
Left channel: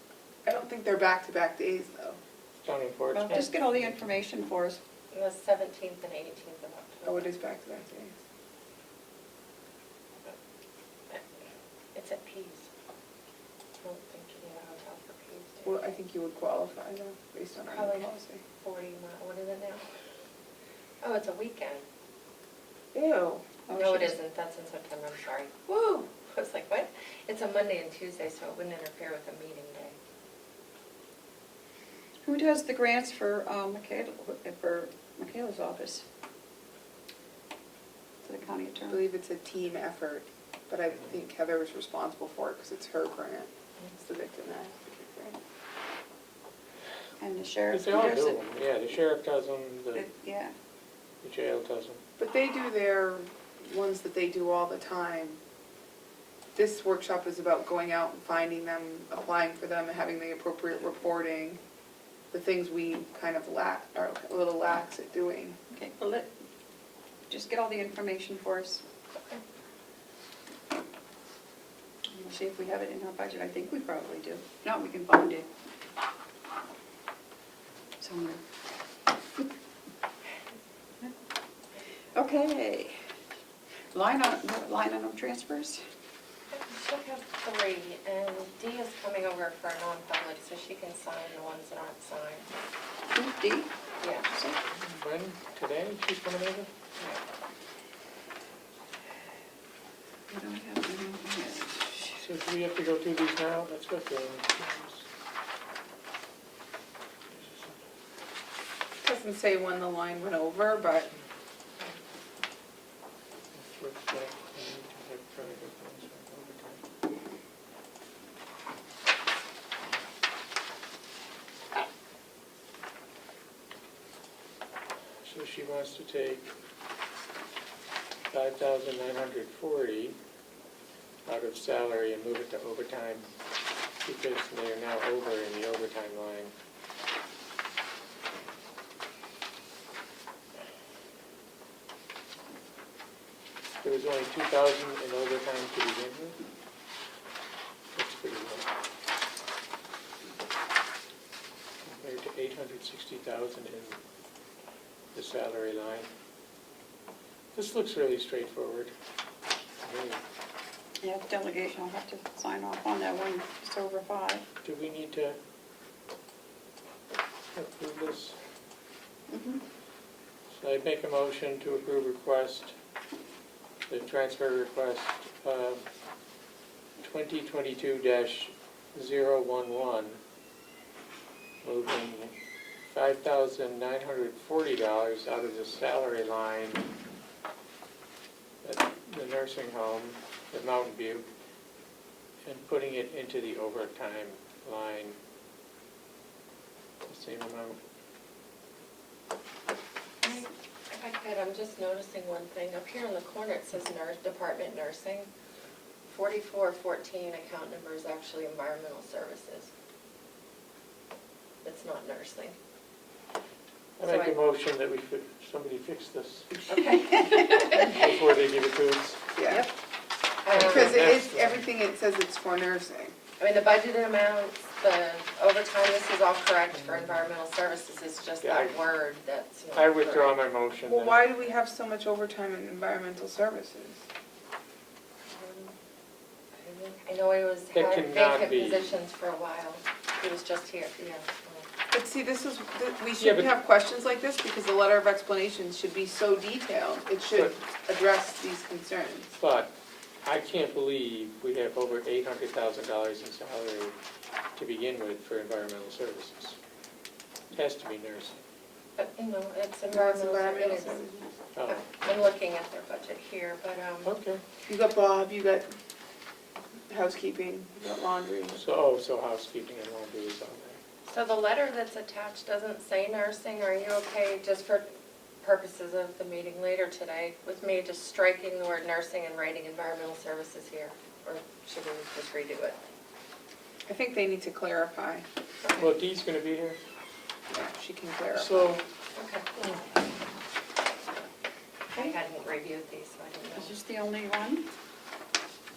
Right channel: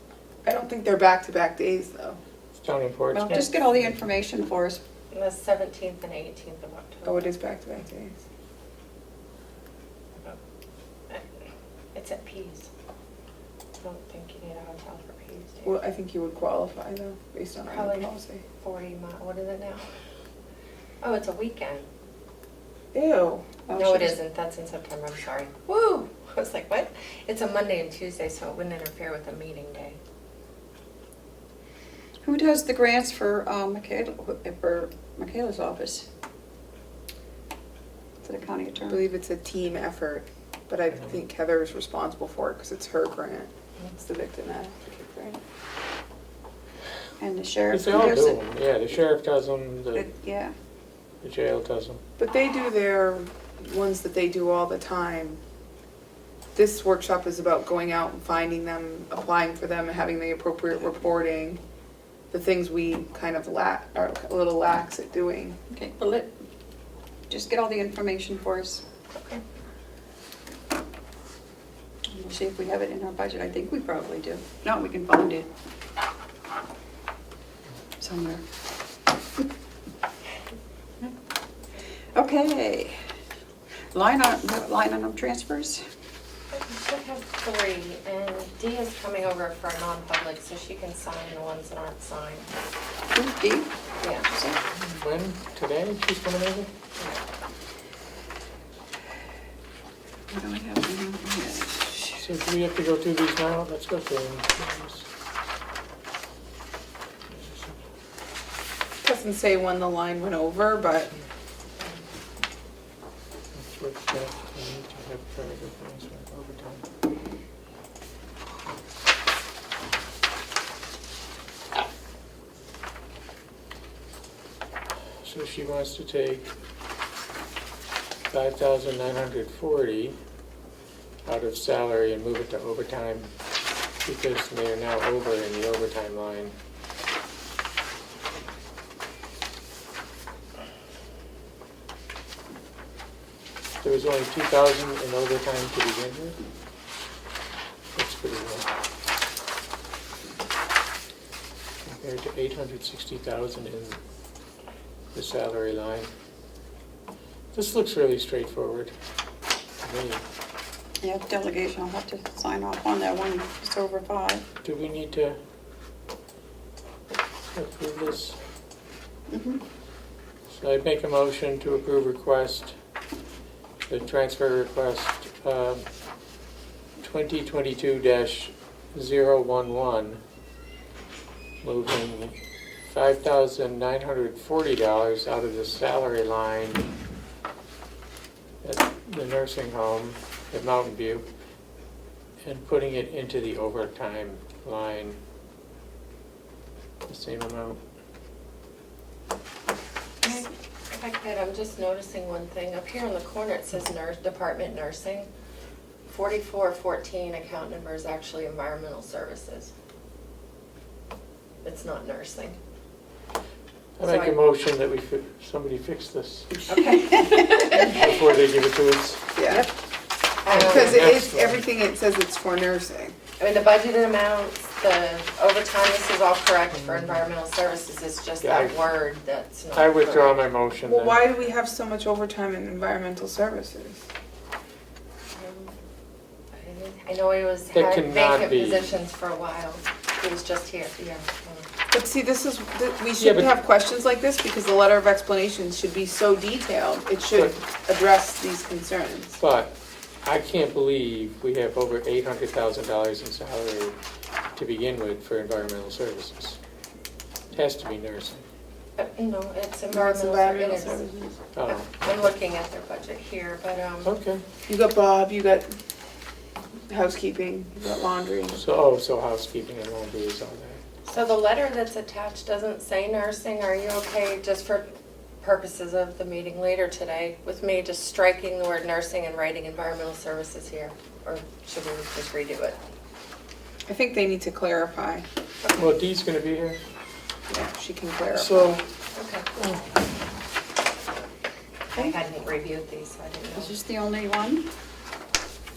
I don't think they're back-to-back days, though. It's down in Portsmouth. Well, just get all the information for us. The 17th and 18th of October. Oh, it is back-to-back days. It's at Pease. I don't think you need a hotel for Pease, do you? Well, I think you would qualify, though, based on our Probably new policy. 40 mile, what is it now? Oh, it's a weekend. Ew. Oh, No, it she's- isn't, that's in September, I'm sorry. Woo! I was like, what? It's a Monday and Tuesday, so it wouldn't interfere with a meeting day. Who does the grants for Michaela's office? To the county I attorney? believe it's a team effort, but I think Heather is responsible for it because it's her grant. It's the victim advocate grant. And the sheriff? They all does do it? them, yeah, the sheriff does them, Yeah, the jail does them. But they do their ones that they do all the time. This workshop is about going out and finding them, applying for them, and having the appropriate reporting. The things we kind of are a little lax at doing. okay, well, just get all the information for us. Okay. And we'll see if we have it in our budget, I think we probably do. If not, we can find it somewhere. Okay. Line item transfers? I should have 3, and Dee is coming over for a non-public, so she can sign the ones that aren't signed. Who's Dee? Yeah. When, today, she's coming over? What do I have in here? So do we have to go through these now? Let's go through them. Doesn't say when the line went over, but So she wants to take 5,940 out of salary and move it to overtime because they are now over in the overtime line. There was only 2,000 in overtime to begin with. That's pretty low. Compared to 860,000 in the salary line. This looks really straightforward to me. Yeah, delegation, I'll have to sign off on that one, it's over 5. Do we need to approve this? Mhm. So I'd make a motion to approve the transfer request 2022-011, moving $5,940 out of the salary line at the nursing home at Mountain View and putting it into the overtime line, the same amount. If I could, I'm just noticing one thing. Up here in the corner, it says Department Nursing. 4414 account number is actually Environmental Services. It's not nursing. I make a motion that somebody fix this Okay. before they give it to us. yeah. Because That's- everything it says it's for nursing. I mean, the budgeted amounts, the overtime, this is all correct for environmental services, it's just Yeah, that word that's not. I withdraw correct. my motion Well, then. why do we have so much overtime in environmental services? I know he That had cannot vacant be. positions for a while. He was just here, yeah. But see, we shouldn't but- have questions like this because the letter of explanations should be so detailed. It should address these concerns. But I can't believe we have over $800,000 in salary to begin with for environmental services. It has to be nursing. But, you know, it's Environmental environmental, it is. services. Oh, I'm looking at their budget here, but, okay. You got Bob, you got housekeeping, you've got laundry. So housekeeping and laundry is on there. So the letter that's attached doesn't say nursing. Are you okay, just for purposes of the meeting later today, with me just striking the word nursing and writing environmental services here? Or should we just redo it? I think they need to clarify. Well, Dee's gonna be here, Yeah, she can clarify. so, Okay. I hadn't reviewed these, so I didn't know. Is this the only one?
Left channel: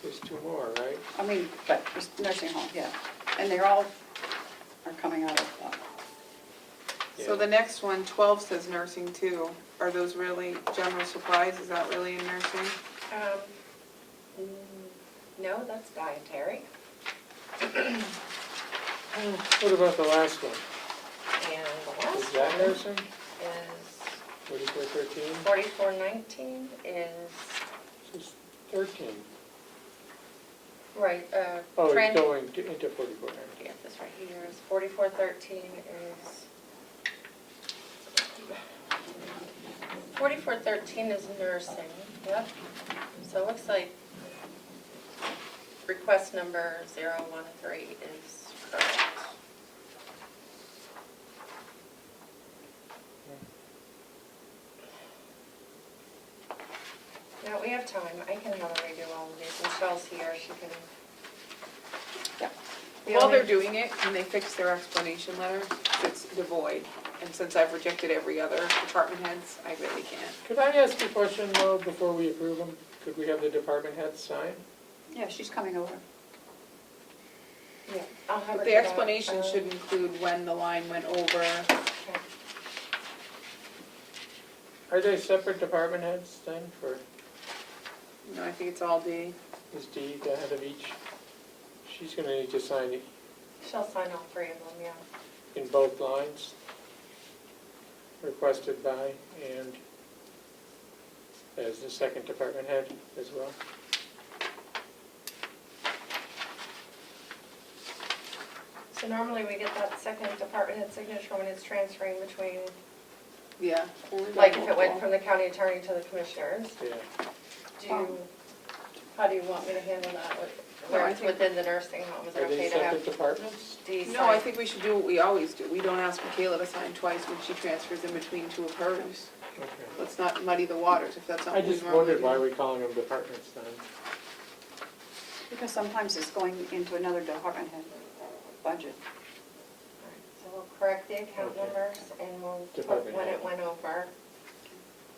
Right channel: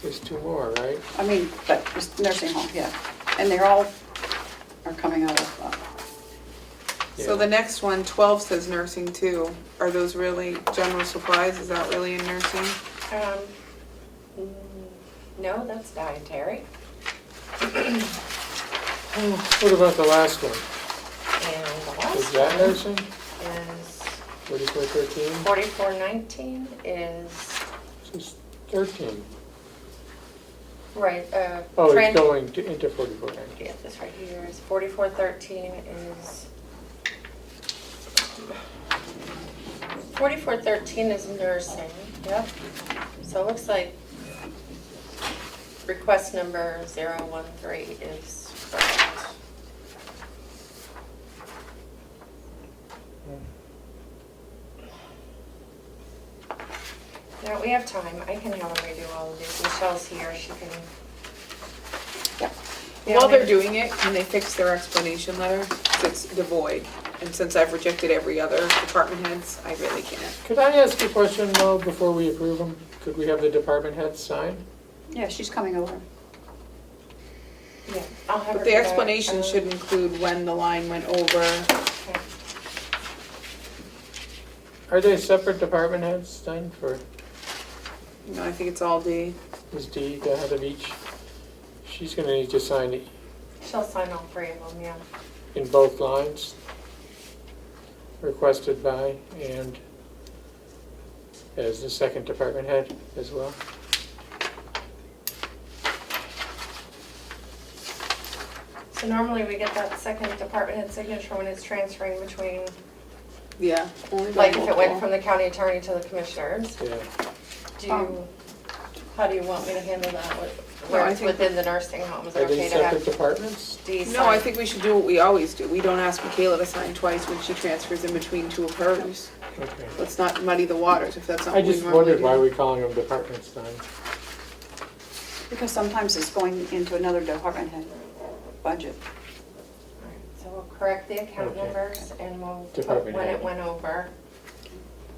there's two more, right? I mean, but it's nursing home, yeah. And they're all are coming out of, So the next one, 12 says nursing too. Are those really general supplies? Is that really in nursing? No, that's dietary. What about the last one? And the Is last that one nursing? is 4413? 4419 is, Just 13. right, Oh, it's trans- going into 4419. yeah, this right here is 4413 is, 4413 is nursing, yep. So it looks like request number 013 is correct. Now, we have time, I can have them redo all of these, Michelle's here, she can. Yeah, While we- they're doing it, can they fix their explanation letter? 'Cause it's devoid. And since I've rejected every other department heads, I really can't. Could I ask a question though, before we approve them? Could we have the department heads sign? yeah, she's coming over. Yeah, I'll have her But do the that. explanation should include when the line went over. Okay. Are they separate department heads then for, You know, I think it's all D. is Dee the head of each? She's gonna need to sign it She'll sign all three of them, yeah. in both lines. Requested by and as the second department head as well. So normally we get that second department head signature when it's transferring between, Yeah. only by like if it went multiple. from the county attorney to the commissioners. Yeah. Do you, how do you want me to handle that? No, Where I it's think- within the nursing home, is it Are they okay to separate have departments? D sign? No, I think we should do what we always do. We don't ask Michaela to sign twice when she transfers in between two of hers. Okay. Let's not muddy the waters if that's I something we just normally wondered why do. we're calling them departments then. Because sometimes it's going into another department head budget. Alright, so we'll correct the account Okay. numbers and we'll put Department when head. it went over.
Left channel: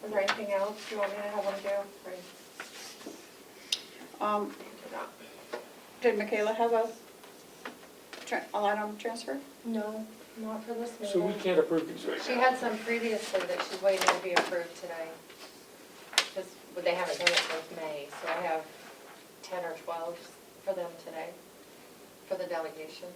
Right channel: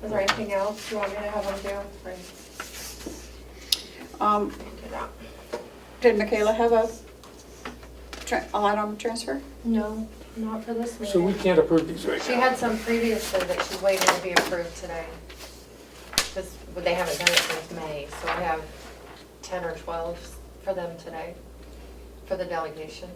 Is there anything else you want me to have them do? Right, do that. Did Michaela have a item transfer? No, not for this So we meeting. can't approve these right She now. had some previously that she's waiting to be approved today. Because they haven't done it since May, so I have 10 or 12 for them today, for the delegation.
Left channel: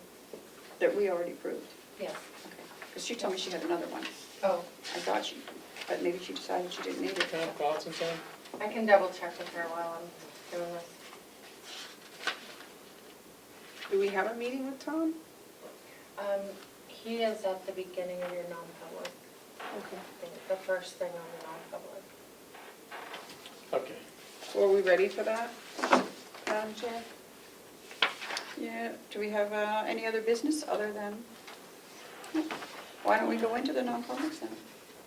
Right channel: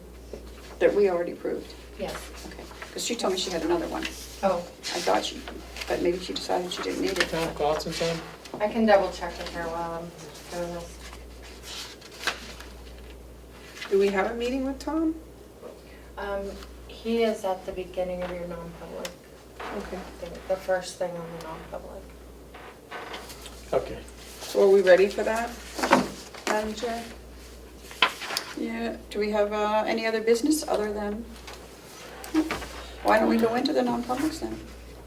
That we already approved? Yes. Okay. Because she told me she had another one. Oh, I thought she, but maybe she decided she didn't need it. Tom, thoughts and Sam? I can double check with her while I'm doing this. Do we have a meeting with Tom? He is at the beginning of your non-public, Okay. the first thing on the non-public. Okay. So are we ready for that, Madam Chair? Yeah, do we have any other business other than, why don't we go into the non-publics then?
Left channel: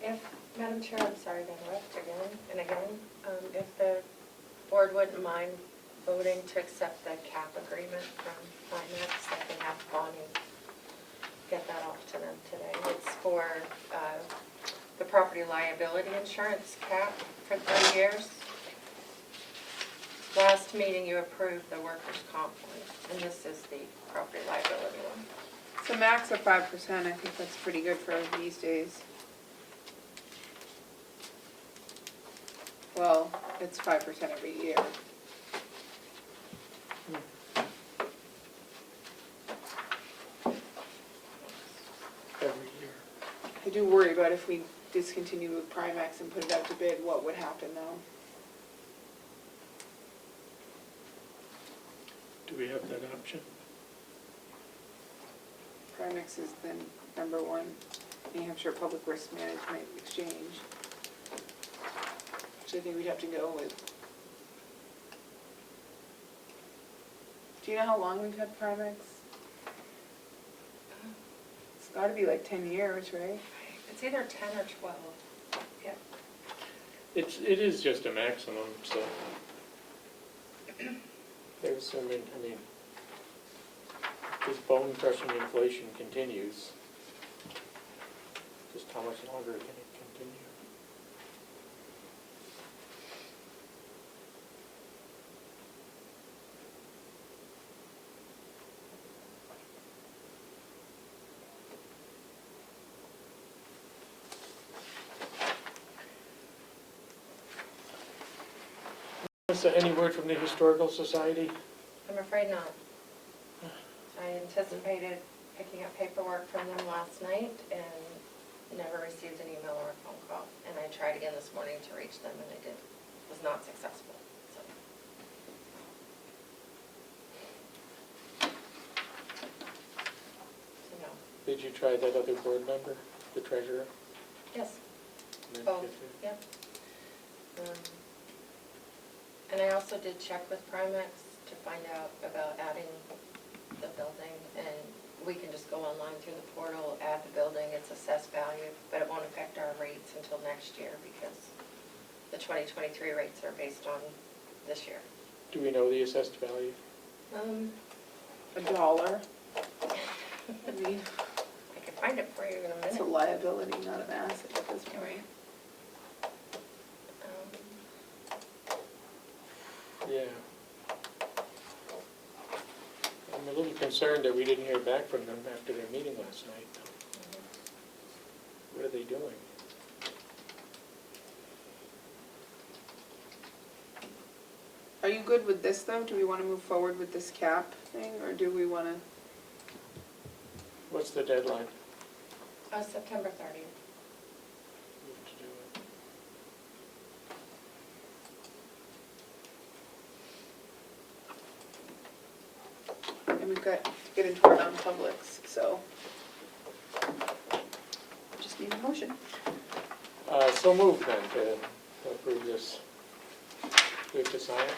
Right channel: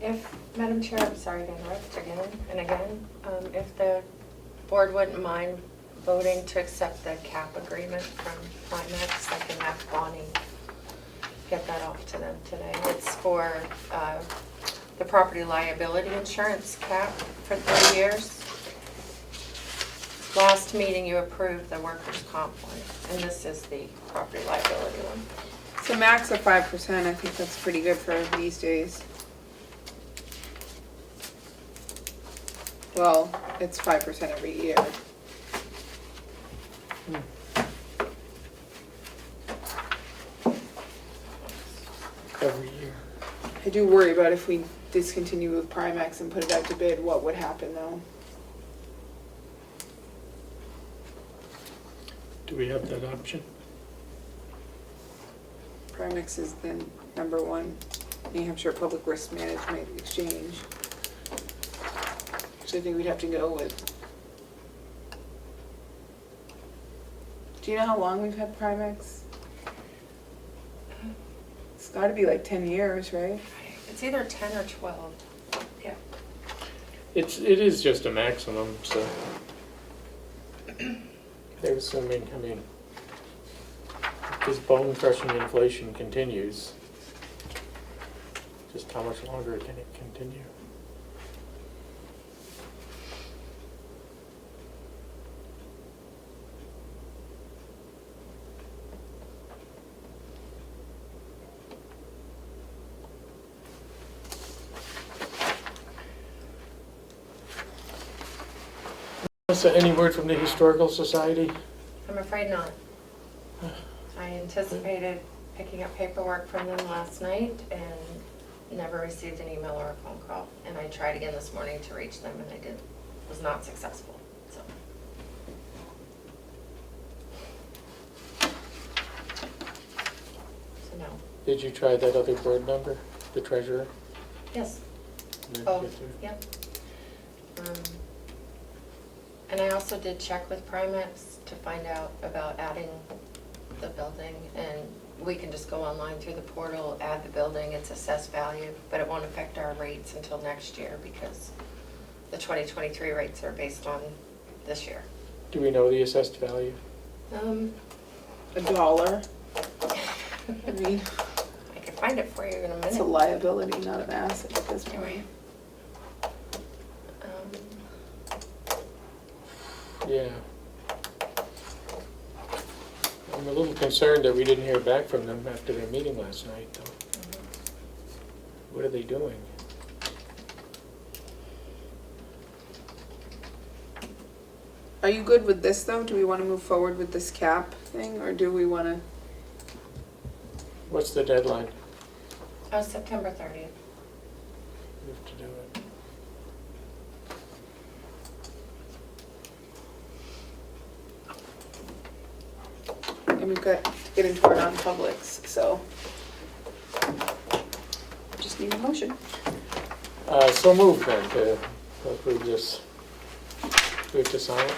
If, Madam Chair, I'm sorry to interrupt again and again, if the board wouldn't mind voting to accept the cap agreement from Climax, I can have Bonnie get that off to them today. It's for the property liability insurance cap for 3 years. Last meeting, you approved the workers' comp one, and this is the property liability one. So max of 5%, I think that's pretty good for these days. Well, it's 5% every year. Every year. I do worry about if we discontinue with Primex and put it out to bid, what would happen though? Do we have that option? Primex is the #1 New Hampshire Public Risk Management Exchange. So I think we'd have to go with Do you know how long we've had Primex? It's gotta be like 10 years, right? It's either 10 or 12. Yeah. It is just a maximum, so. They're assuming, I mean, if this bone crushing inflation continues, just how much longer can it continue? Any word from the Historical Society? I'm afraid not. I anticipated picking up paperwork from them last night and never received an email or a phone call. And I tried again this morning to reach them and I was not successful, so. So no. Did you try that other board member, the treasurer? Yes. Did Oh, you get through? yep. And I also did check with Primex to find out about adding the building, and we can just go online through the portal, add the building, it's assessed value, but it won't affect our rates until next year because the 2023 rates are based on this year. Do we know the assessed value? $1. I mean, I can find it for you in a minute. it's a liability, not an asset at this point. Yeah. I'm a little concerned that we didn't hear back from them after their meeting last night, though. What are they doing? Are you good with this though? Do we want to move forward with this cap thing, or do we want to? What's the deadline? September 30th. We have to do it. And we've got to get into our non-publics, so. Just need a motion. So moved then to approve this. Do we have to sign it?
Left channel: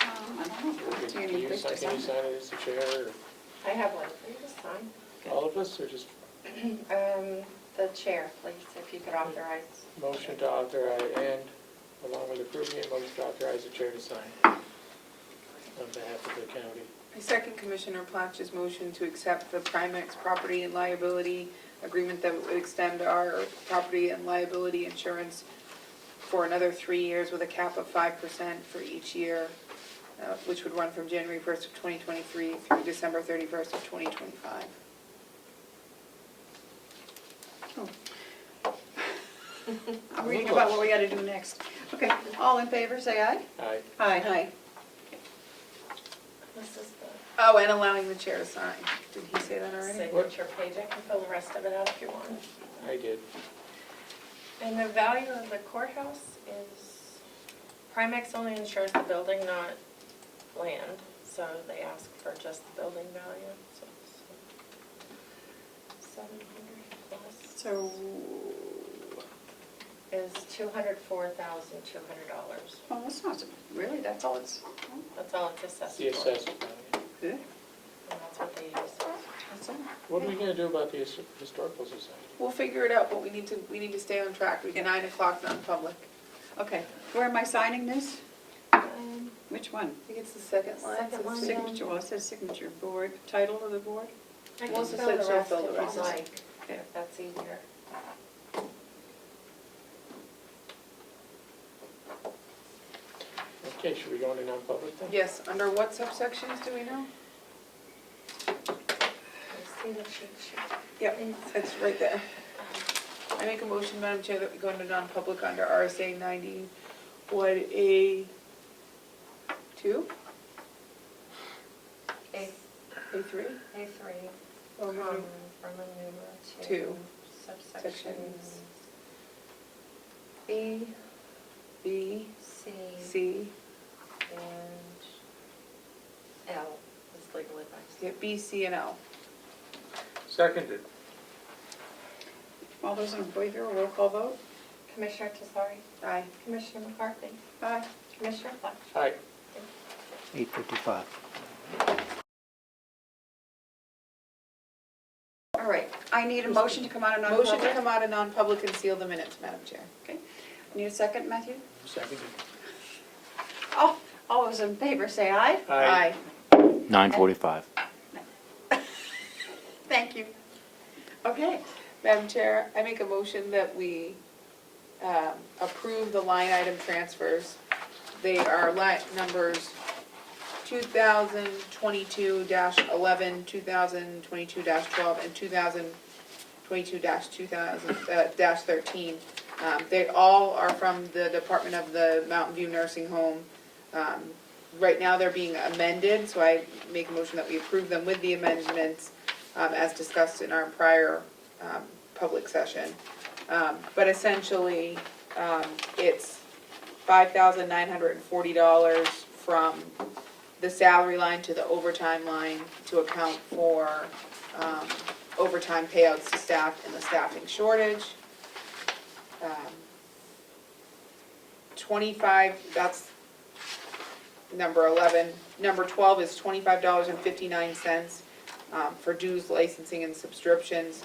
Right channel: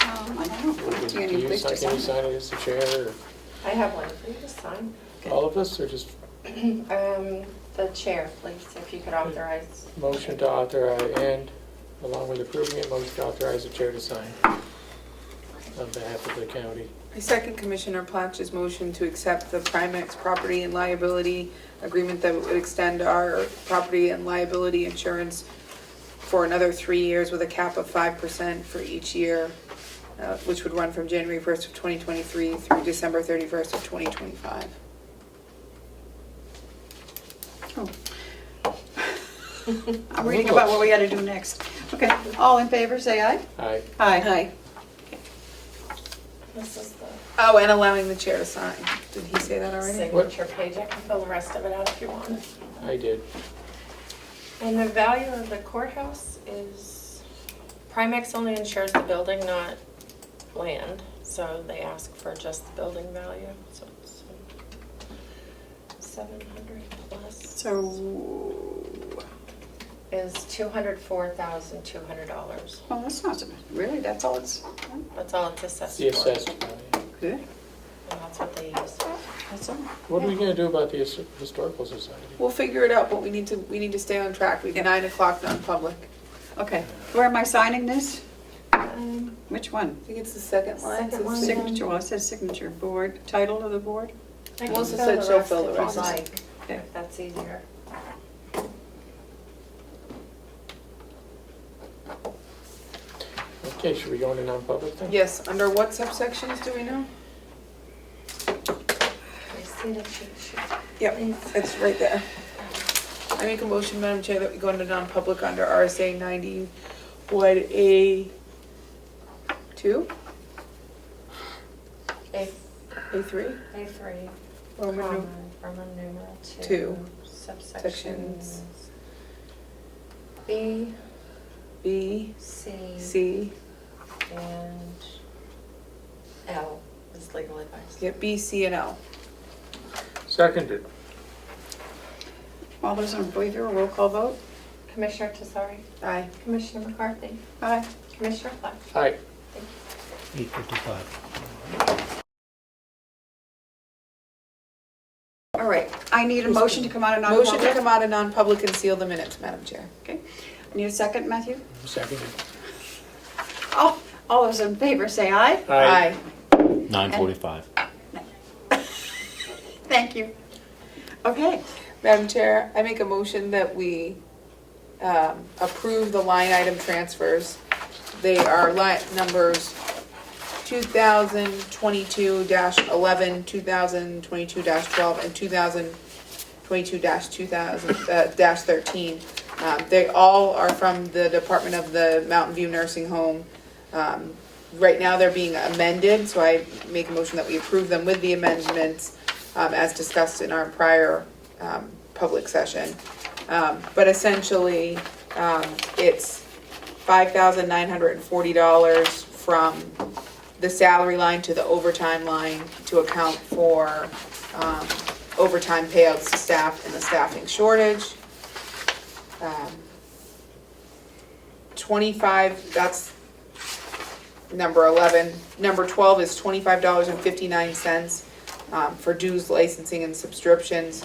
I don't know. Do you Can need you place to sign sign? it as the chair, I have one for you to sign. or all of us, or just The chair, please, if you could authorize. motion to authorize, and along with approving it, motion to authorize the chair to sign on behalf of the county. I second Commissioner Platch's motion to accept the Primex property and liability agreement that would extend our property and liability insurance for another 3 years with a cap of 5% for each year, which would run from January 1st of 2023 through December 31st of 2025. Oh. I'm reading about what we gotta do next. Okay, all in favor, say aye. Aye. Aye. This is the Oh, and allowing the chair to sign. Did he say that already? signature page. I can fill the rest of it out if you want. I did. And the value of the courthouse is, Primex only insures the building, not land, so they ask for just the building value, so it's 700 plus So, is $204,200. oh, that's not so, really, that's all it's, That's all it's assessed The for, assessed value. good, and that's what they use. that's all. What are we gonna do about the Historical Society? We'll figure it out, but we need to stay on track. We have 9 o'clock non-public. Okay, where am I signing this? Which one? I think it's the second line. Second line. Signature, well, it says signature, board, title of the board? I can Melissa fill said the she'll rest fill the if rest. you'd like, Okay. if that's easier. Okay, should we go into non-public then? Yes, under what subsections do we know? I see the cheat sheet. Yep, it's right there. I make a motion, Madam Chair, that we go into non-public under RSA 90, what, A2? A3, A3? Roman Roman numeral 2, Two. subsections Sections. B, B, C, C, and L is legal advice. yeah, B, C, and L. Seconded. All those in favor, roll call vote? Commissioner Tesari, Aye. Commissioner McCarthy, Aye. Commissioner Flash. Aye. 8:55. All right, I need a motion to come out of Motion to non-public. come out of non-public and seal the minutes, Madam Chair. Okay, need a second, Matthew? Second. All those in favor say aye. Aye. 9:45. Thank you. Okay, Madam Chair, I make a motion that we approve the line item transfers. They are line numbers 2022-11, 2022-12, and 2022-13. They all are from the Department of the Mountain View Nursing Home. Right now, they're being amended, so I make a motion that we approve them with the amendments as discussed in our prior public session. But essentially, it's $5,940 from the salary line to the overtime line to account for overtime payouts to staff and the staffing shortage. 25, that's number 11. Number 12 is $25.59 for dues, licensing, and subscriptions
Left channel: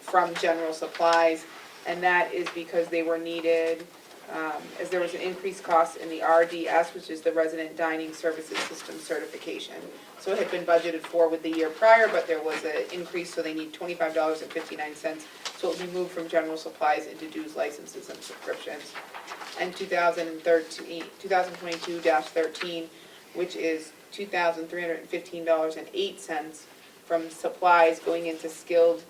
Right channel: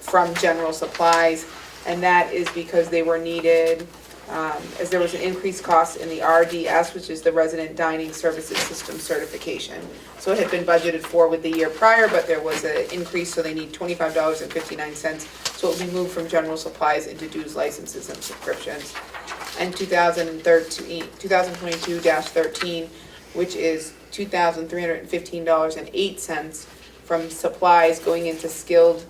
from general supplies. And that is because they were needed, as there was an increased cost in the RDS, which is the Resident Dining Services System certification. So it had been budgeted for with the year prior, but there was an increase, so they need $25.59. So it will be moved from general supplies into dues, licenses, and subscriptions. And 2022-13, which is $2,315.08 from supplies going into skilled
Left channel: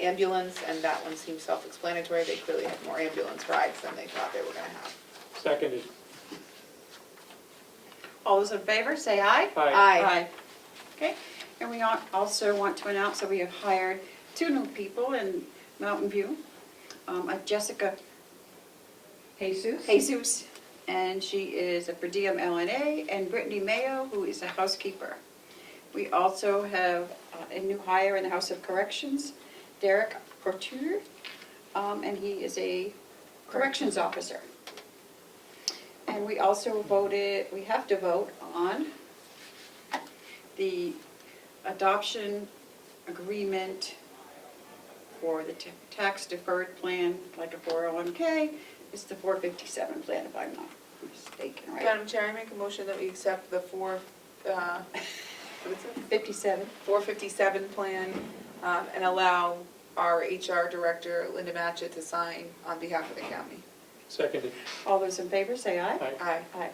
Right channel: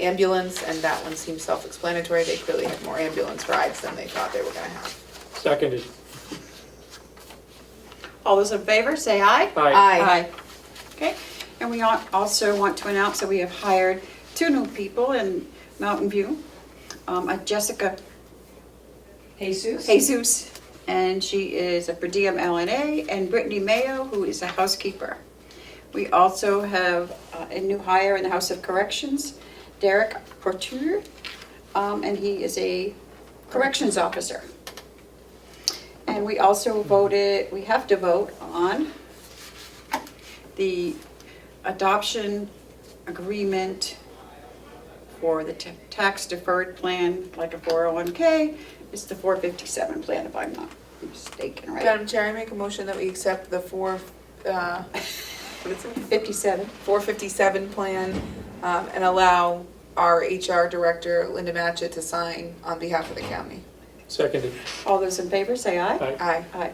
ambulance, and that one seems self-explanatory. They clearly had more ambulance rides than they thought they were gonna have. Seconded. all those in favor say aye. Aye. Okay, and we also want to announce that we have hired 2 new people in Mountain View. Jessica Jesus, and she is a per diem LNA, and Brittany Mayo, who is a housekeeper. We also have a new hire in the House of Corrections, Derek Porture, and he is a corrections officer. And we also we have to vote on the adoption agreement for the tax deferred plan, like a 401k. It's the 457 plan, if I'm not mistaken, right? Madam Chair, I make a motion that we accept the 457 plan and allow our HR director, Linda Matchett, to sign on behalf of the county. Seconded. All those in favor say aye. Aye. Aye. Aye.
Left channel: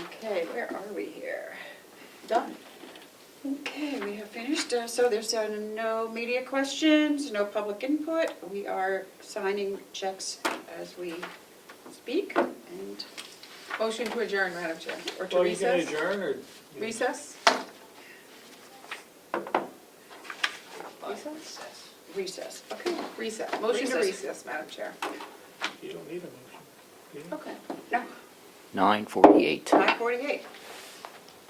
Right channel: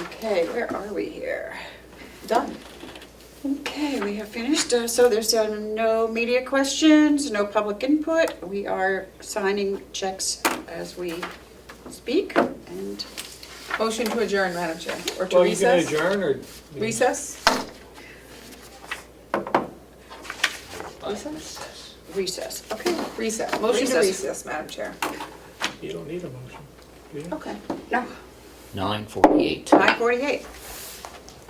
Okay, where are we here? Done. Okay, we have finished, so there's no media questions, no public input. We are signing checks as we speak, and Motion to adjourn, Madam Chair, or to Well, you gonna recess? adjourn or? Recess? recess. Okay, Recess. Motion to Recess. recess, Madam Chair. You don't need a motion, do you? okay. No, 9:48. 9:48.